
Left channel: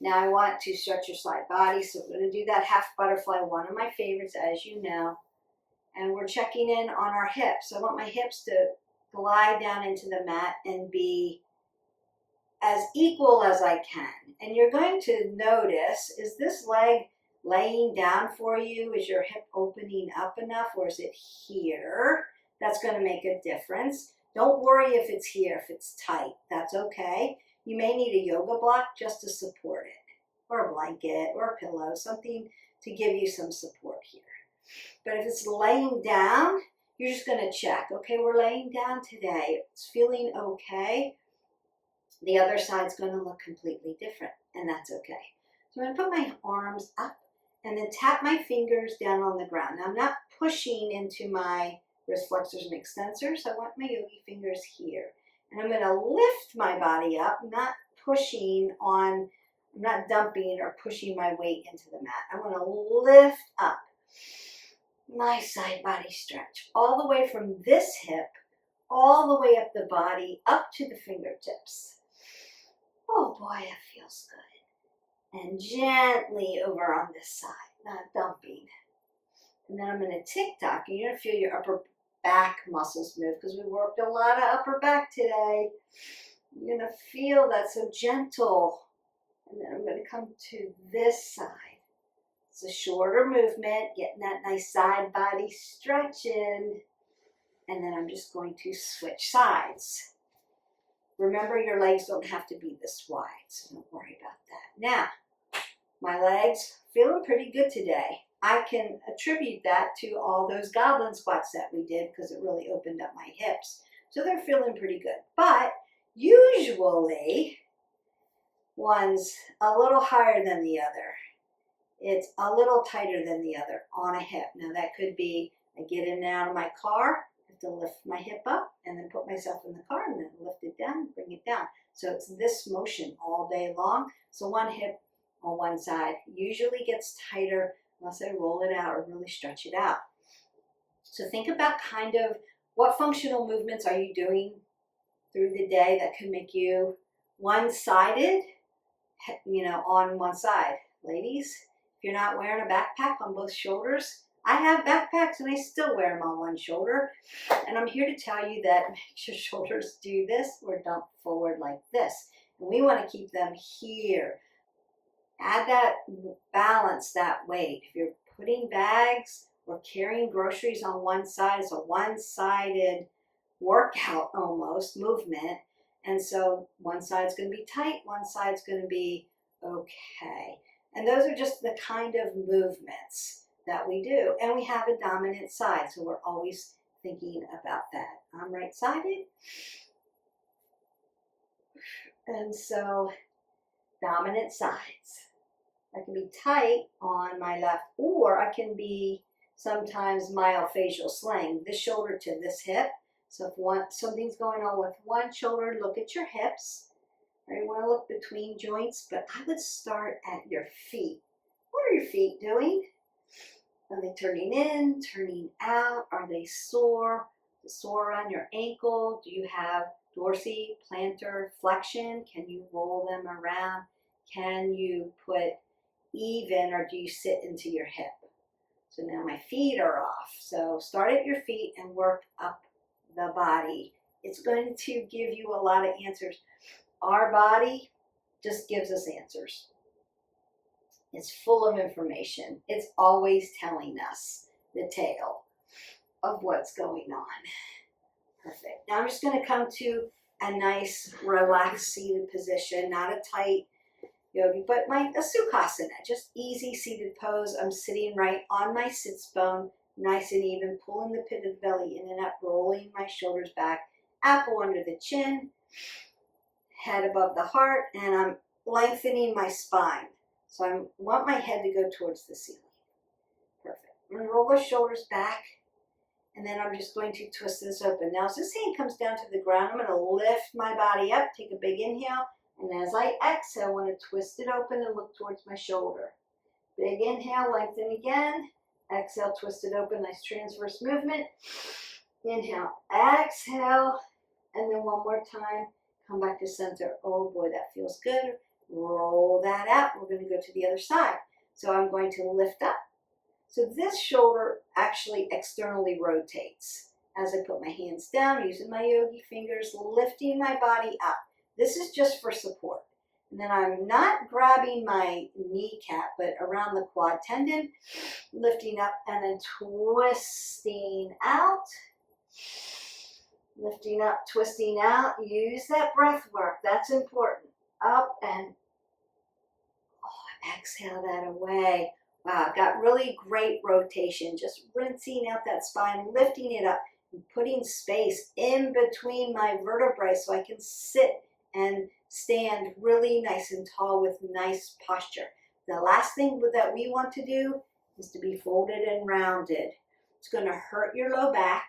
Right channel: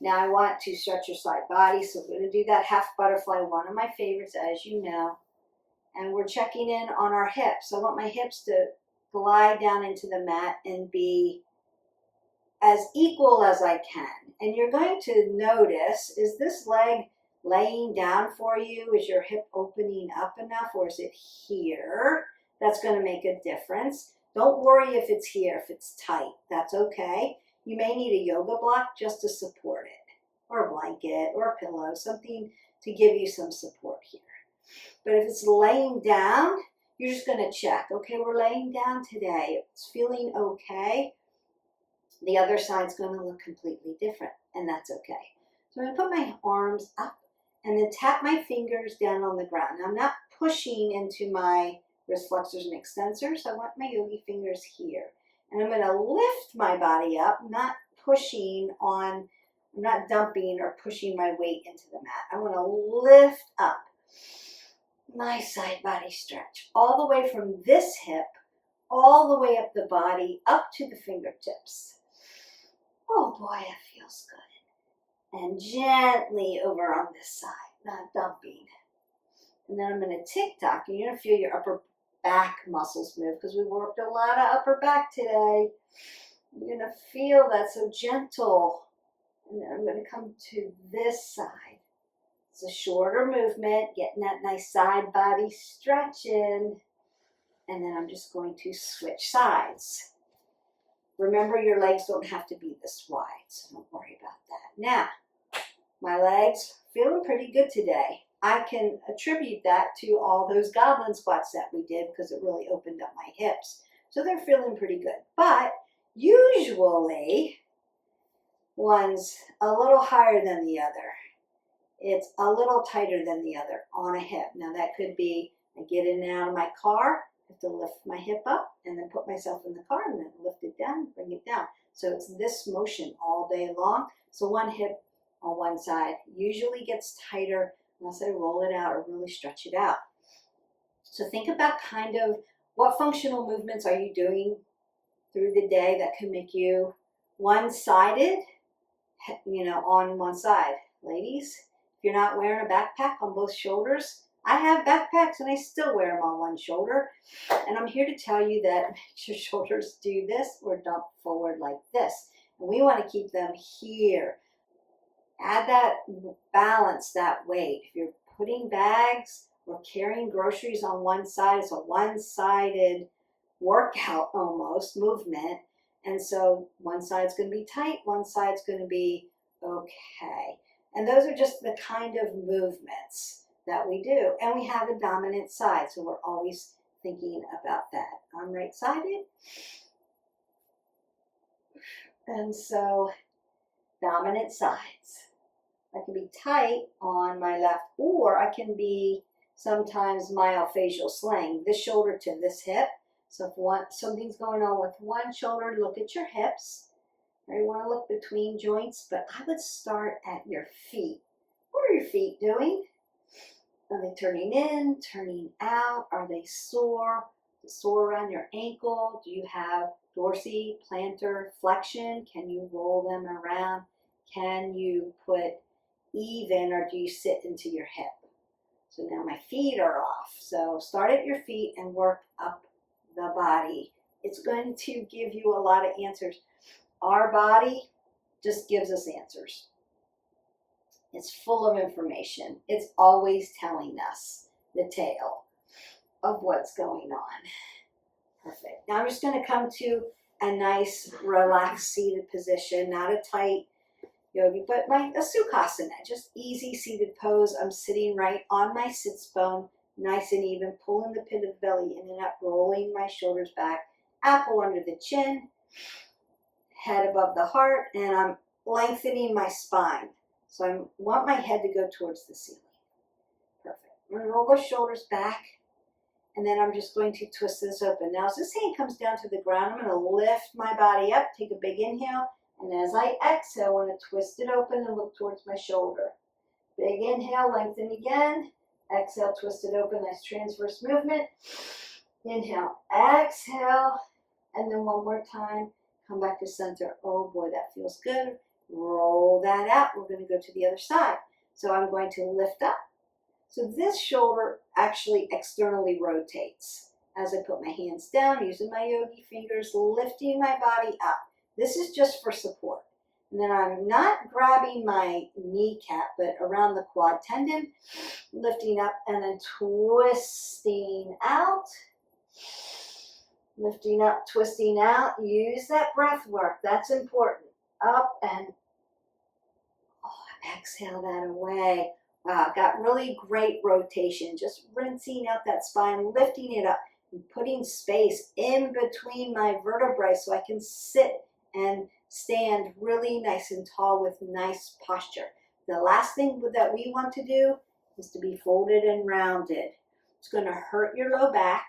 Now I want to stretch your side body, so we're going to do that half butterfly, one of my favorites, as you know. And we're checking in on our hips. So I want my hips to glide down into the mat and be as equal as I can. And you're going to notice, is this leg laying down for you? Is your hip opening up enough, or is it here? That's going to make a difference. Don't worry if it's here, if it's tight. That's okay. You may need a yoga block just to support it, or a blanket, or a pillow, something to give you some support here. But if it's laying down, you're just going to check. Okay, we're laying down today. It's feeling okay. The other side's going to look completely different, and that's okay. So I'm going to put my arms up and then tap my fingers down on the ground. Now I'm not pushing into my wrist flexors and extensors. I want my yogi fingers here. And I'm going to lift my body up, not pushing on, I'm not dumping or pushing my weight into the mat. I want to lift up. Nice side body stretch. All the way from this hip, all the way up the body, up to the fingertips. Oh boy, it feels good. And gently over on this side, not dumping. And then I'm going to tick-tock, and you're going to feel your upper back muscles move, because we worked a lot of upper back today. You're going to feel that, so gentle. And then I'm going to come to this side. It's a shorter movement, getting that nice side body stretch in. And then I'm just going to switch sides. Remember, your legs don't have to be this wide, so don't worry about that. Now, my legs feeling pretty good today. I can attribute that to all those goblin squats that we did, because it really opened up my hips. So they're feeling pretty good. But usually, one's a little higher than the other. It's a little tighter than the other on a hip. Now that could be, I get in and out of my car, I have to lift my hip up and then put myself in the car and then lift it down, bring it down. So it's this motion all day long. So one hip on one side usually gets tighter unless I roll it out or really stretch it out. So think about kind of what functional movements are you doing through the day that can make you one-sided, on one side. Ladies, if you're not wearing a backpack on both shoulders, I have backpacks and I still wear them on one shoulder. And I'm here to tell you that make your shoulders do this or dump forward like this. And we want to keep them here. Add that balance, that weight. If you're putting bags or carrying groceries on one side, it's a one-sided workout almost, movement. And so one side's going to be tight, one side's going to be okay. And those are just the kind of movements that we do. And we have a dominant side, so we're always thinking about that. I'm right-sided. And so, dominant sides. I can be tight on my left, or I can be sometimes myofascial slaying, this shoulder to this hip. So if something's going on with one shoulder, look at your hips. Or you want to look between joints, but I would start at your feet. What are your feet doing? Are they turning in, turning out? Are they sore? Sore around your ankle? Do you have dorsi, plantar flexion? Can you roll them around? Can you put even, or do you sit into your hip? So now my feet are off. So start at your feet and work up the body. It's going to give you a lot of answers. Our body just gives us answers. It's full of information. It's always telling us the tale of what's going on. Perfect. Now I'm just going to come to a nice relaxed seated position, not a tight yogi, but a sukhasana, just easy seated pose. I'm sitting right on my sits bone, nice and even, pulling the pit of the belly in and up, rolling my shoulders back, apple under the chin, head above the heart, and I'm lengthening my spine. So I want my head to go towards the ceiling. Perfect. I'm going to roll the shoulders back, and then I'm just going to twist this open. Now as this hand comes down to the ground, I'm going to lift my body up, take a big inhale, and as I exhale, I want to twist it open and look towards my shoulder. Big inhale, lengthen again. Exhale, twist it open, nice transverse movement. Inhale, exhale, and then one more time. Come back to center. Oh boy, that feels good. Roll that out. We're going to go to the other side. So I'm going to lift up. So this shoulder actually externally rotates. As I put my hands down, using my yogi fingers, lifting my body up. This is just for support. And then I'm not grabbing my kneecap, but around the quad tendon, lifting up and then twisting out. Lifting up, twisting out. Use that breath work. That's important. Up and exhale that away. Wow, got really great rotation. Just rinsing out that spine, lifting it up, and putting space in between my vertebrae so I can sit and stand really nice and tall with nice posture. The last thing that we want to do is to be folded and rounded. It's going to hurt your low back.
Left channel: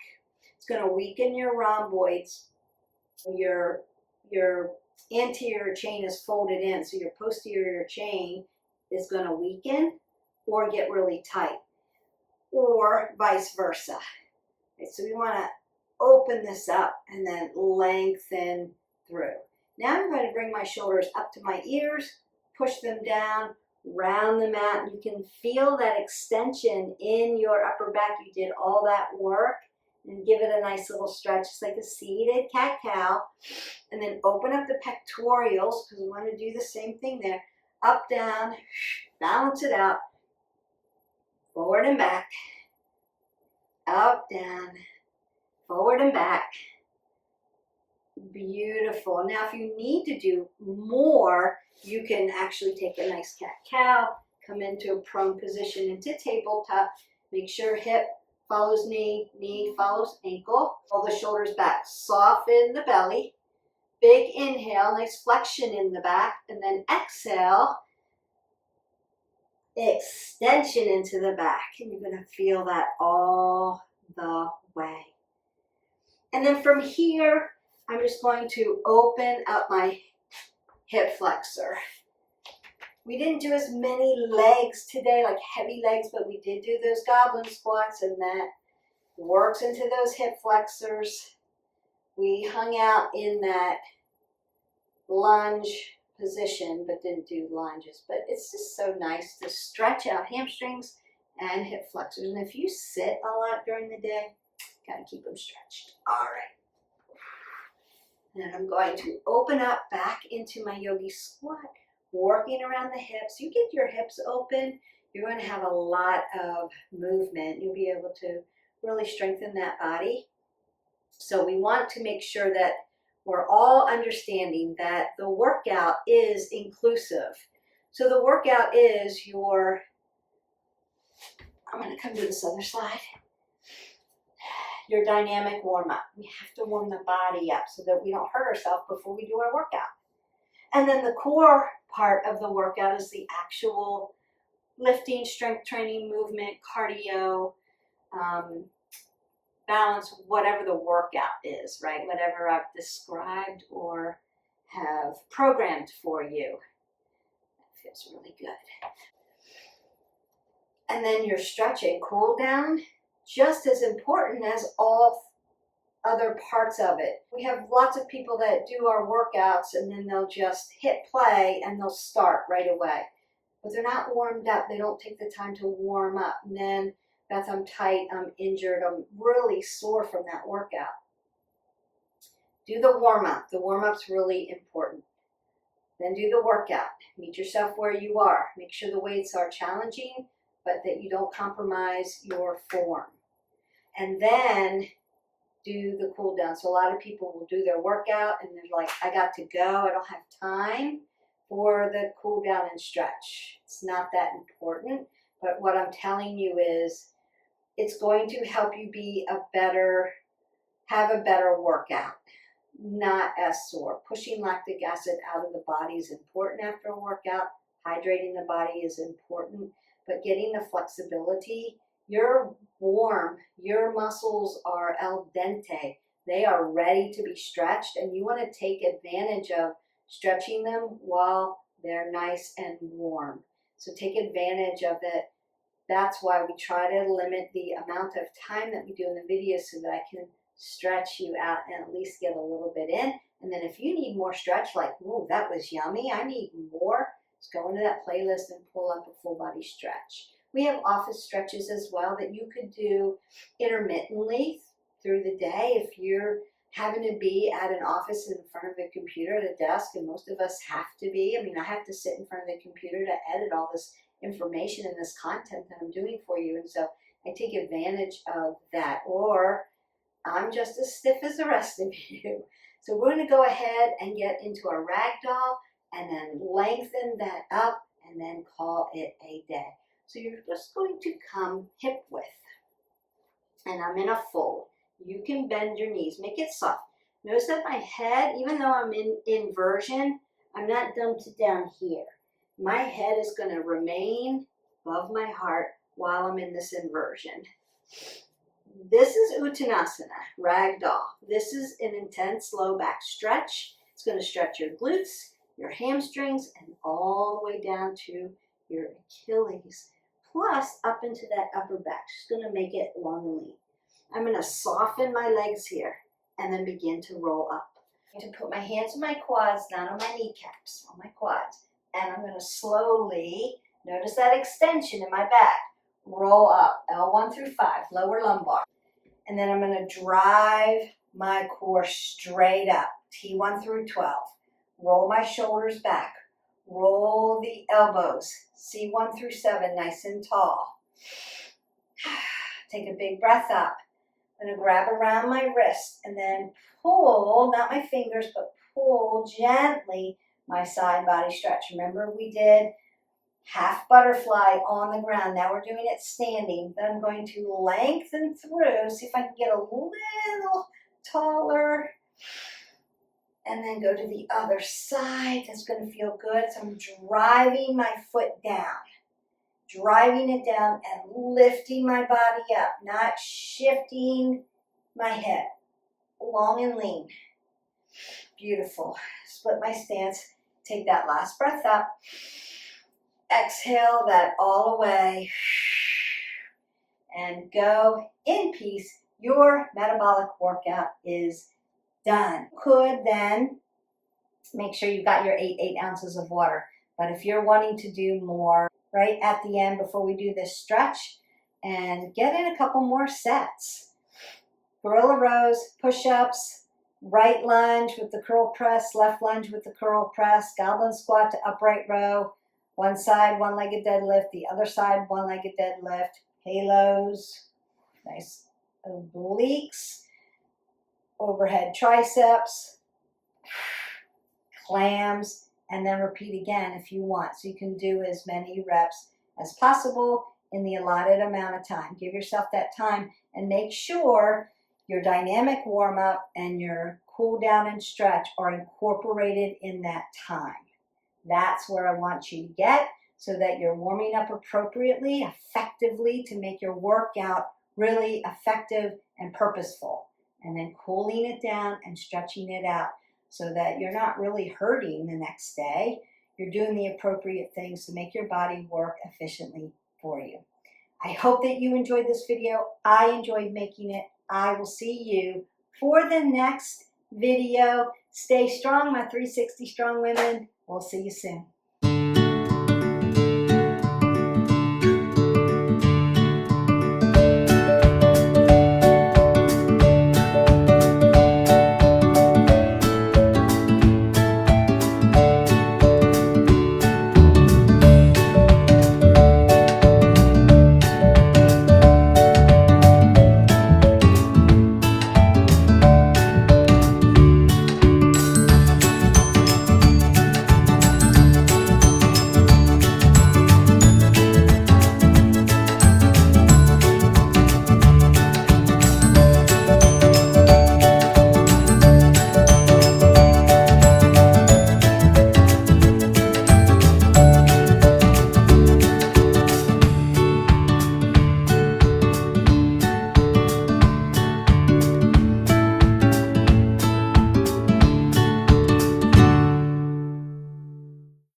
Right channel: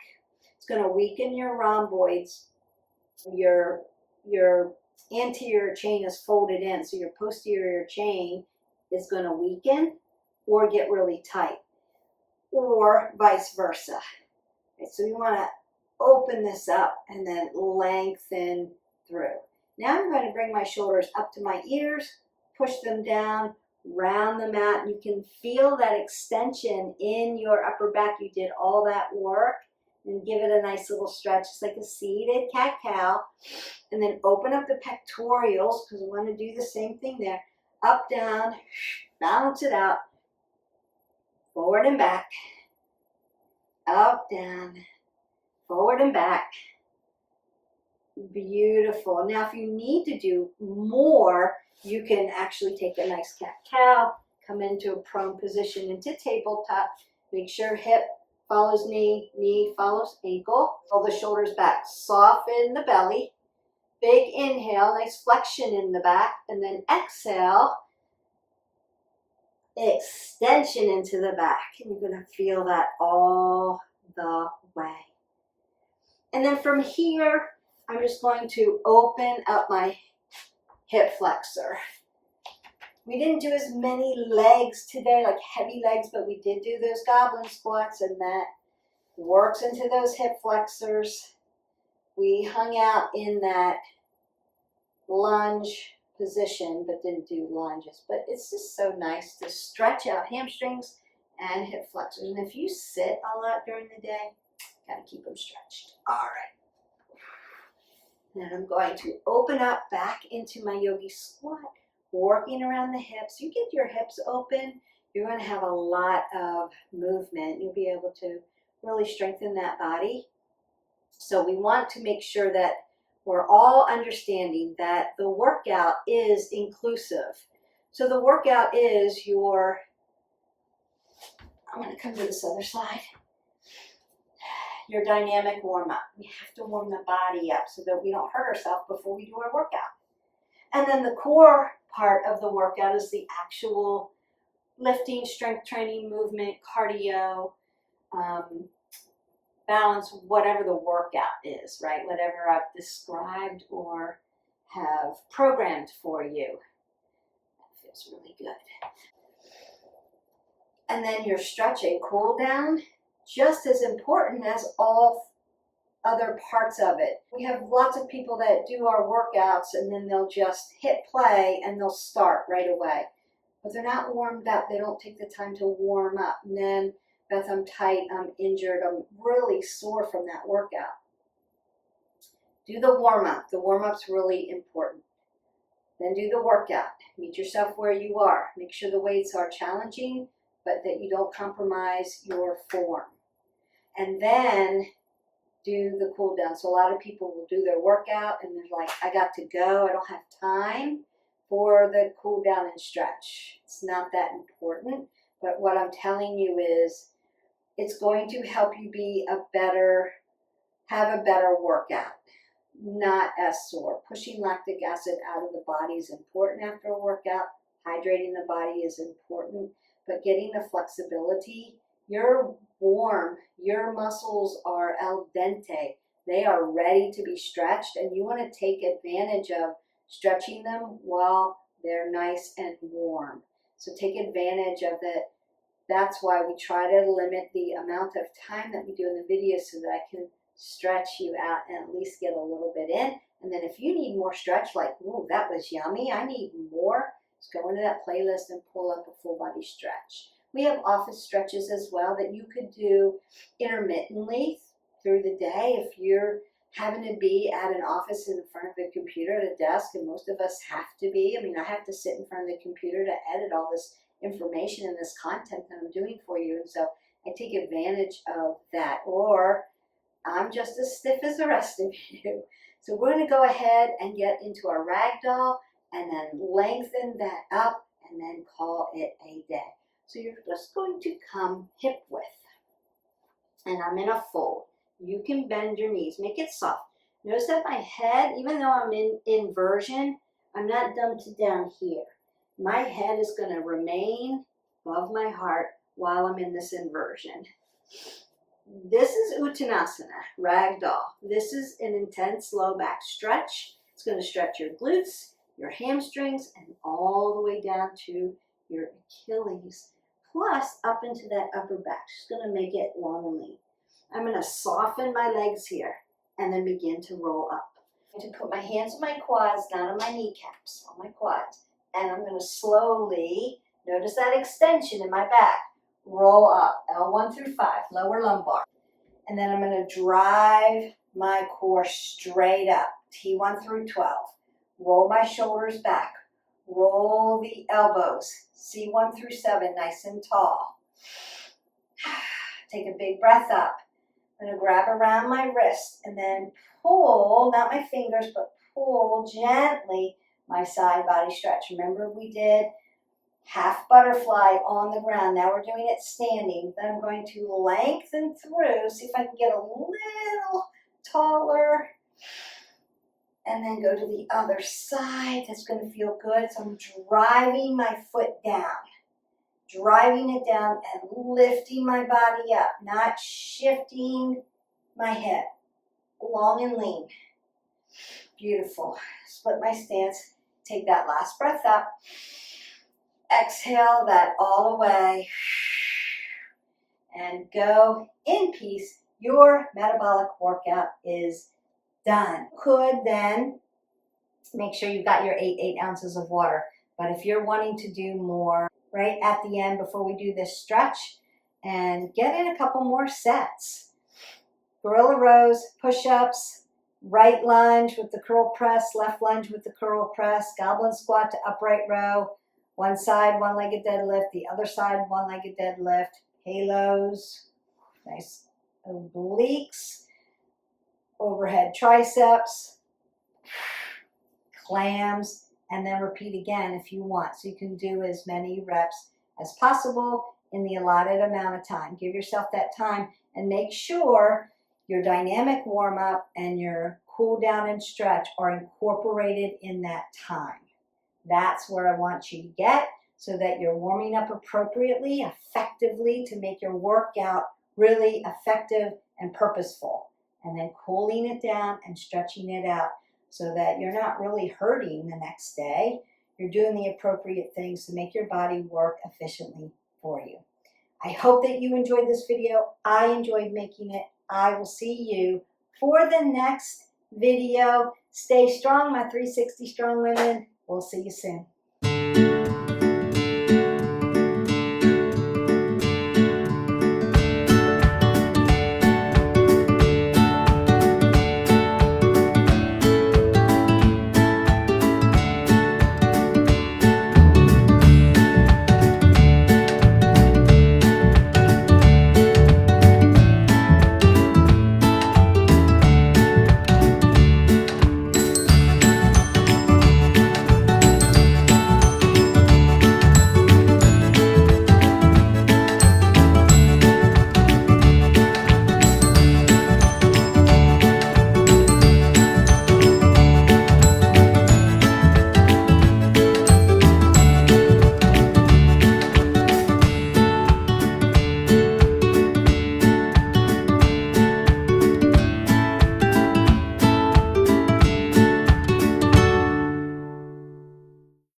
It's going to weaken your rhomboids. Your anterior chain is folded in, so your posterior chain is going to weaken or get really tight, or vice versa. Okay, so we want to open this up and then lengthen through. Now I'm going to bring my shoulders up to my ears, push them down, round them out. You can feel that extension in your upper back. You did all that work. And give it a nice little stretch, just like a seated cat-cow. And then open up the pectorials, because we want to do the same thing there. Up, down, balance it out. Forward and back. Up, down, forward and back. Beautiful. Now, if you need to do more, you can actually take a nice cat-cow, come into a prone position, into tabletop. Make sure hip follows knee, knee follows ankle. Roll the shoulders back, soften the belly. Big inhale, nice flexion in the back, and then exhale, extension into the back. And you're going to feel that all the way. And then from here, I'm just going to open up my hip flexor. We didn't do as many legs today, like heavy legs, but we did do those goblin squats, and that works into those hip flexors. We hung out in that lunge position, but didn't do lunges. But it's just so nice to stretch out hamstrings and hip flexors. And if you sit a lot during the day, gotta keep them stretched. All right. And I'm going to open up back into my yogi squat. Working around the hips. You get your hips open, you're going to have a lot of movement. You'll be able to really strengthen that body. So we want to make sure that we're all understanding that the workout is inclusive. So the workout is I'm going to come to this other side, your dynamic warm-up. We have to warm the body up so that we don't hurt ourselves before we do our workout. And then the core part of the workout is the actual lifting, strength training, movement, cardio, balance, whatever the workout is, right? Whatever I've described or have programmed for you. That feels really good. And then your stretching, cool down, just as important as all other parts of it. We have lots of people that do our workouts and then they'll just hit play and they'll start right away. But they're not warmed up. They don't take the time to warm up. And then, Beth, I'm tight, I'm injured, I'm really sore from that workout. Do the warm-up. The warm-up's really important. Then do the workout. Meet yourself where you are. Make sure the weights are challenging, but that you don't compromise your form. And then do the cool down. So a lot of people will do their workout and they're like, I got to go. I don't have time for the cool down and stretch. It's not that important. But what I'm telling you is it's going to help you have a better workout, not as sore. Pushing lactic acid out of the body is important after a workout. Hydrating the body is important, but getting the flexibility. You're warm, your muscles are al dente. They are ready to be stretched, and you want to take advantage of stretching them while they're nice and warm. So take advantage of it. That's why we try to limit the amount of time that we do in the video so that I can stretch you out and at least get a little bit in. And then if you need more stretch, like, ooh, that was yummy, I need more, just go into that playlist and pull up a full body stretch. We have office stretches as well that you could do intermittently through the day if you're having to be at an office in front of a computer at a desk, and most of us have to be. I mean, I have to sit in front of the computer to edit all this information and this content that I'm doing for you, and so I take advantage of that. Or I'm just as stiff as the rest of you. So we're going to go ahead and get into our ragdoll and then lengthen that up and then call it a day. So you're just going to come hip width. And I'm in a fold. You can bend your knees, make it soft. Notice that my head, even though I'm in inversion, I'm not dumped down here. My head is going to remain above my heart while I'm in this inversion. This is Uttanasana, ragdoll. This is an intense low back stretch. It's going to stretch your glutes, your hamstrings, and all the way down to your Achilles, plus up into that upper back. Just going to make it long and lean. I'm going to soften my legs here and then begin to roll up. I'm going to put my hands on my quads, not on my kneecaps, on my quads. And I'm going to slowly, notice that extension in my back, roll up, L1 through 5, lower lumbar. And then I'm going to drive my core straight up, T1 through 12. Roll my shoulders back. Roll the elbows, C1 through 7, nice and tall. Take a big breath up. I'm going to grab around my wrist and then pull, not my fingers, but pull gently my side body stretch. Remember we did half butterfly on the ground. Now we're doing it standing. Then I'm going to lengthen through, see if I can get a little taller. And then go to the other side. That's going to feel good. So I'm driving my foot down. Driving it down and lifting my body up. Not shifting my head. Long and lean. Beautiful. Split my stance. Take that last breath up. Exhale that all away. And go in peace. Your metabolic workout is done. Could then make sure you've got your 8 ounces of water. But if you're wanting to do more right at the end before we do this stretch, and get in a couple more sets. Gorilla rows, push-ups, right lunge with the curl press, left lunge with the curl press, goblin squat to upright row, one side, one-legged deadlift, the other side, one-legged deadlift, halos, nice obliques, overhead triceps, clams, and then repeat again if you want. So you can do as many reps as possible in the allotted amount of time. Give yourself that time and make sure your dynamic warm-up and your cool down and stretch are incorporated in that time. That's where I want you to get, so that you're warming up appropriately, effectively, to make your workout really effective and purposeful. And then cooling it down and stretching it out so that you're not really hurting the next day. You're doing the appropriate things to make your body work efficiently for you. I hope that you enjoyed this video. I enjoyed making it. I will see you for the next video. Stay strong, my 360 strong women. We'll see you soon.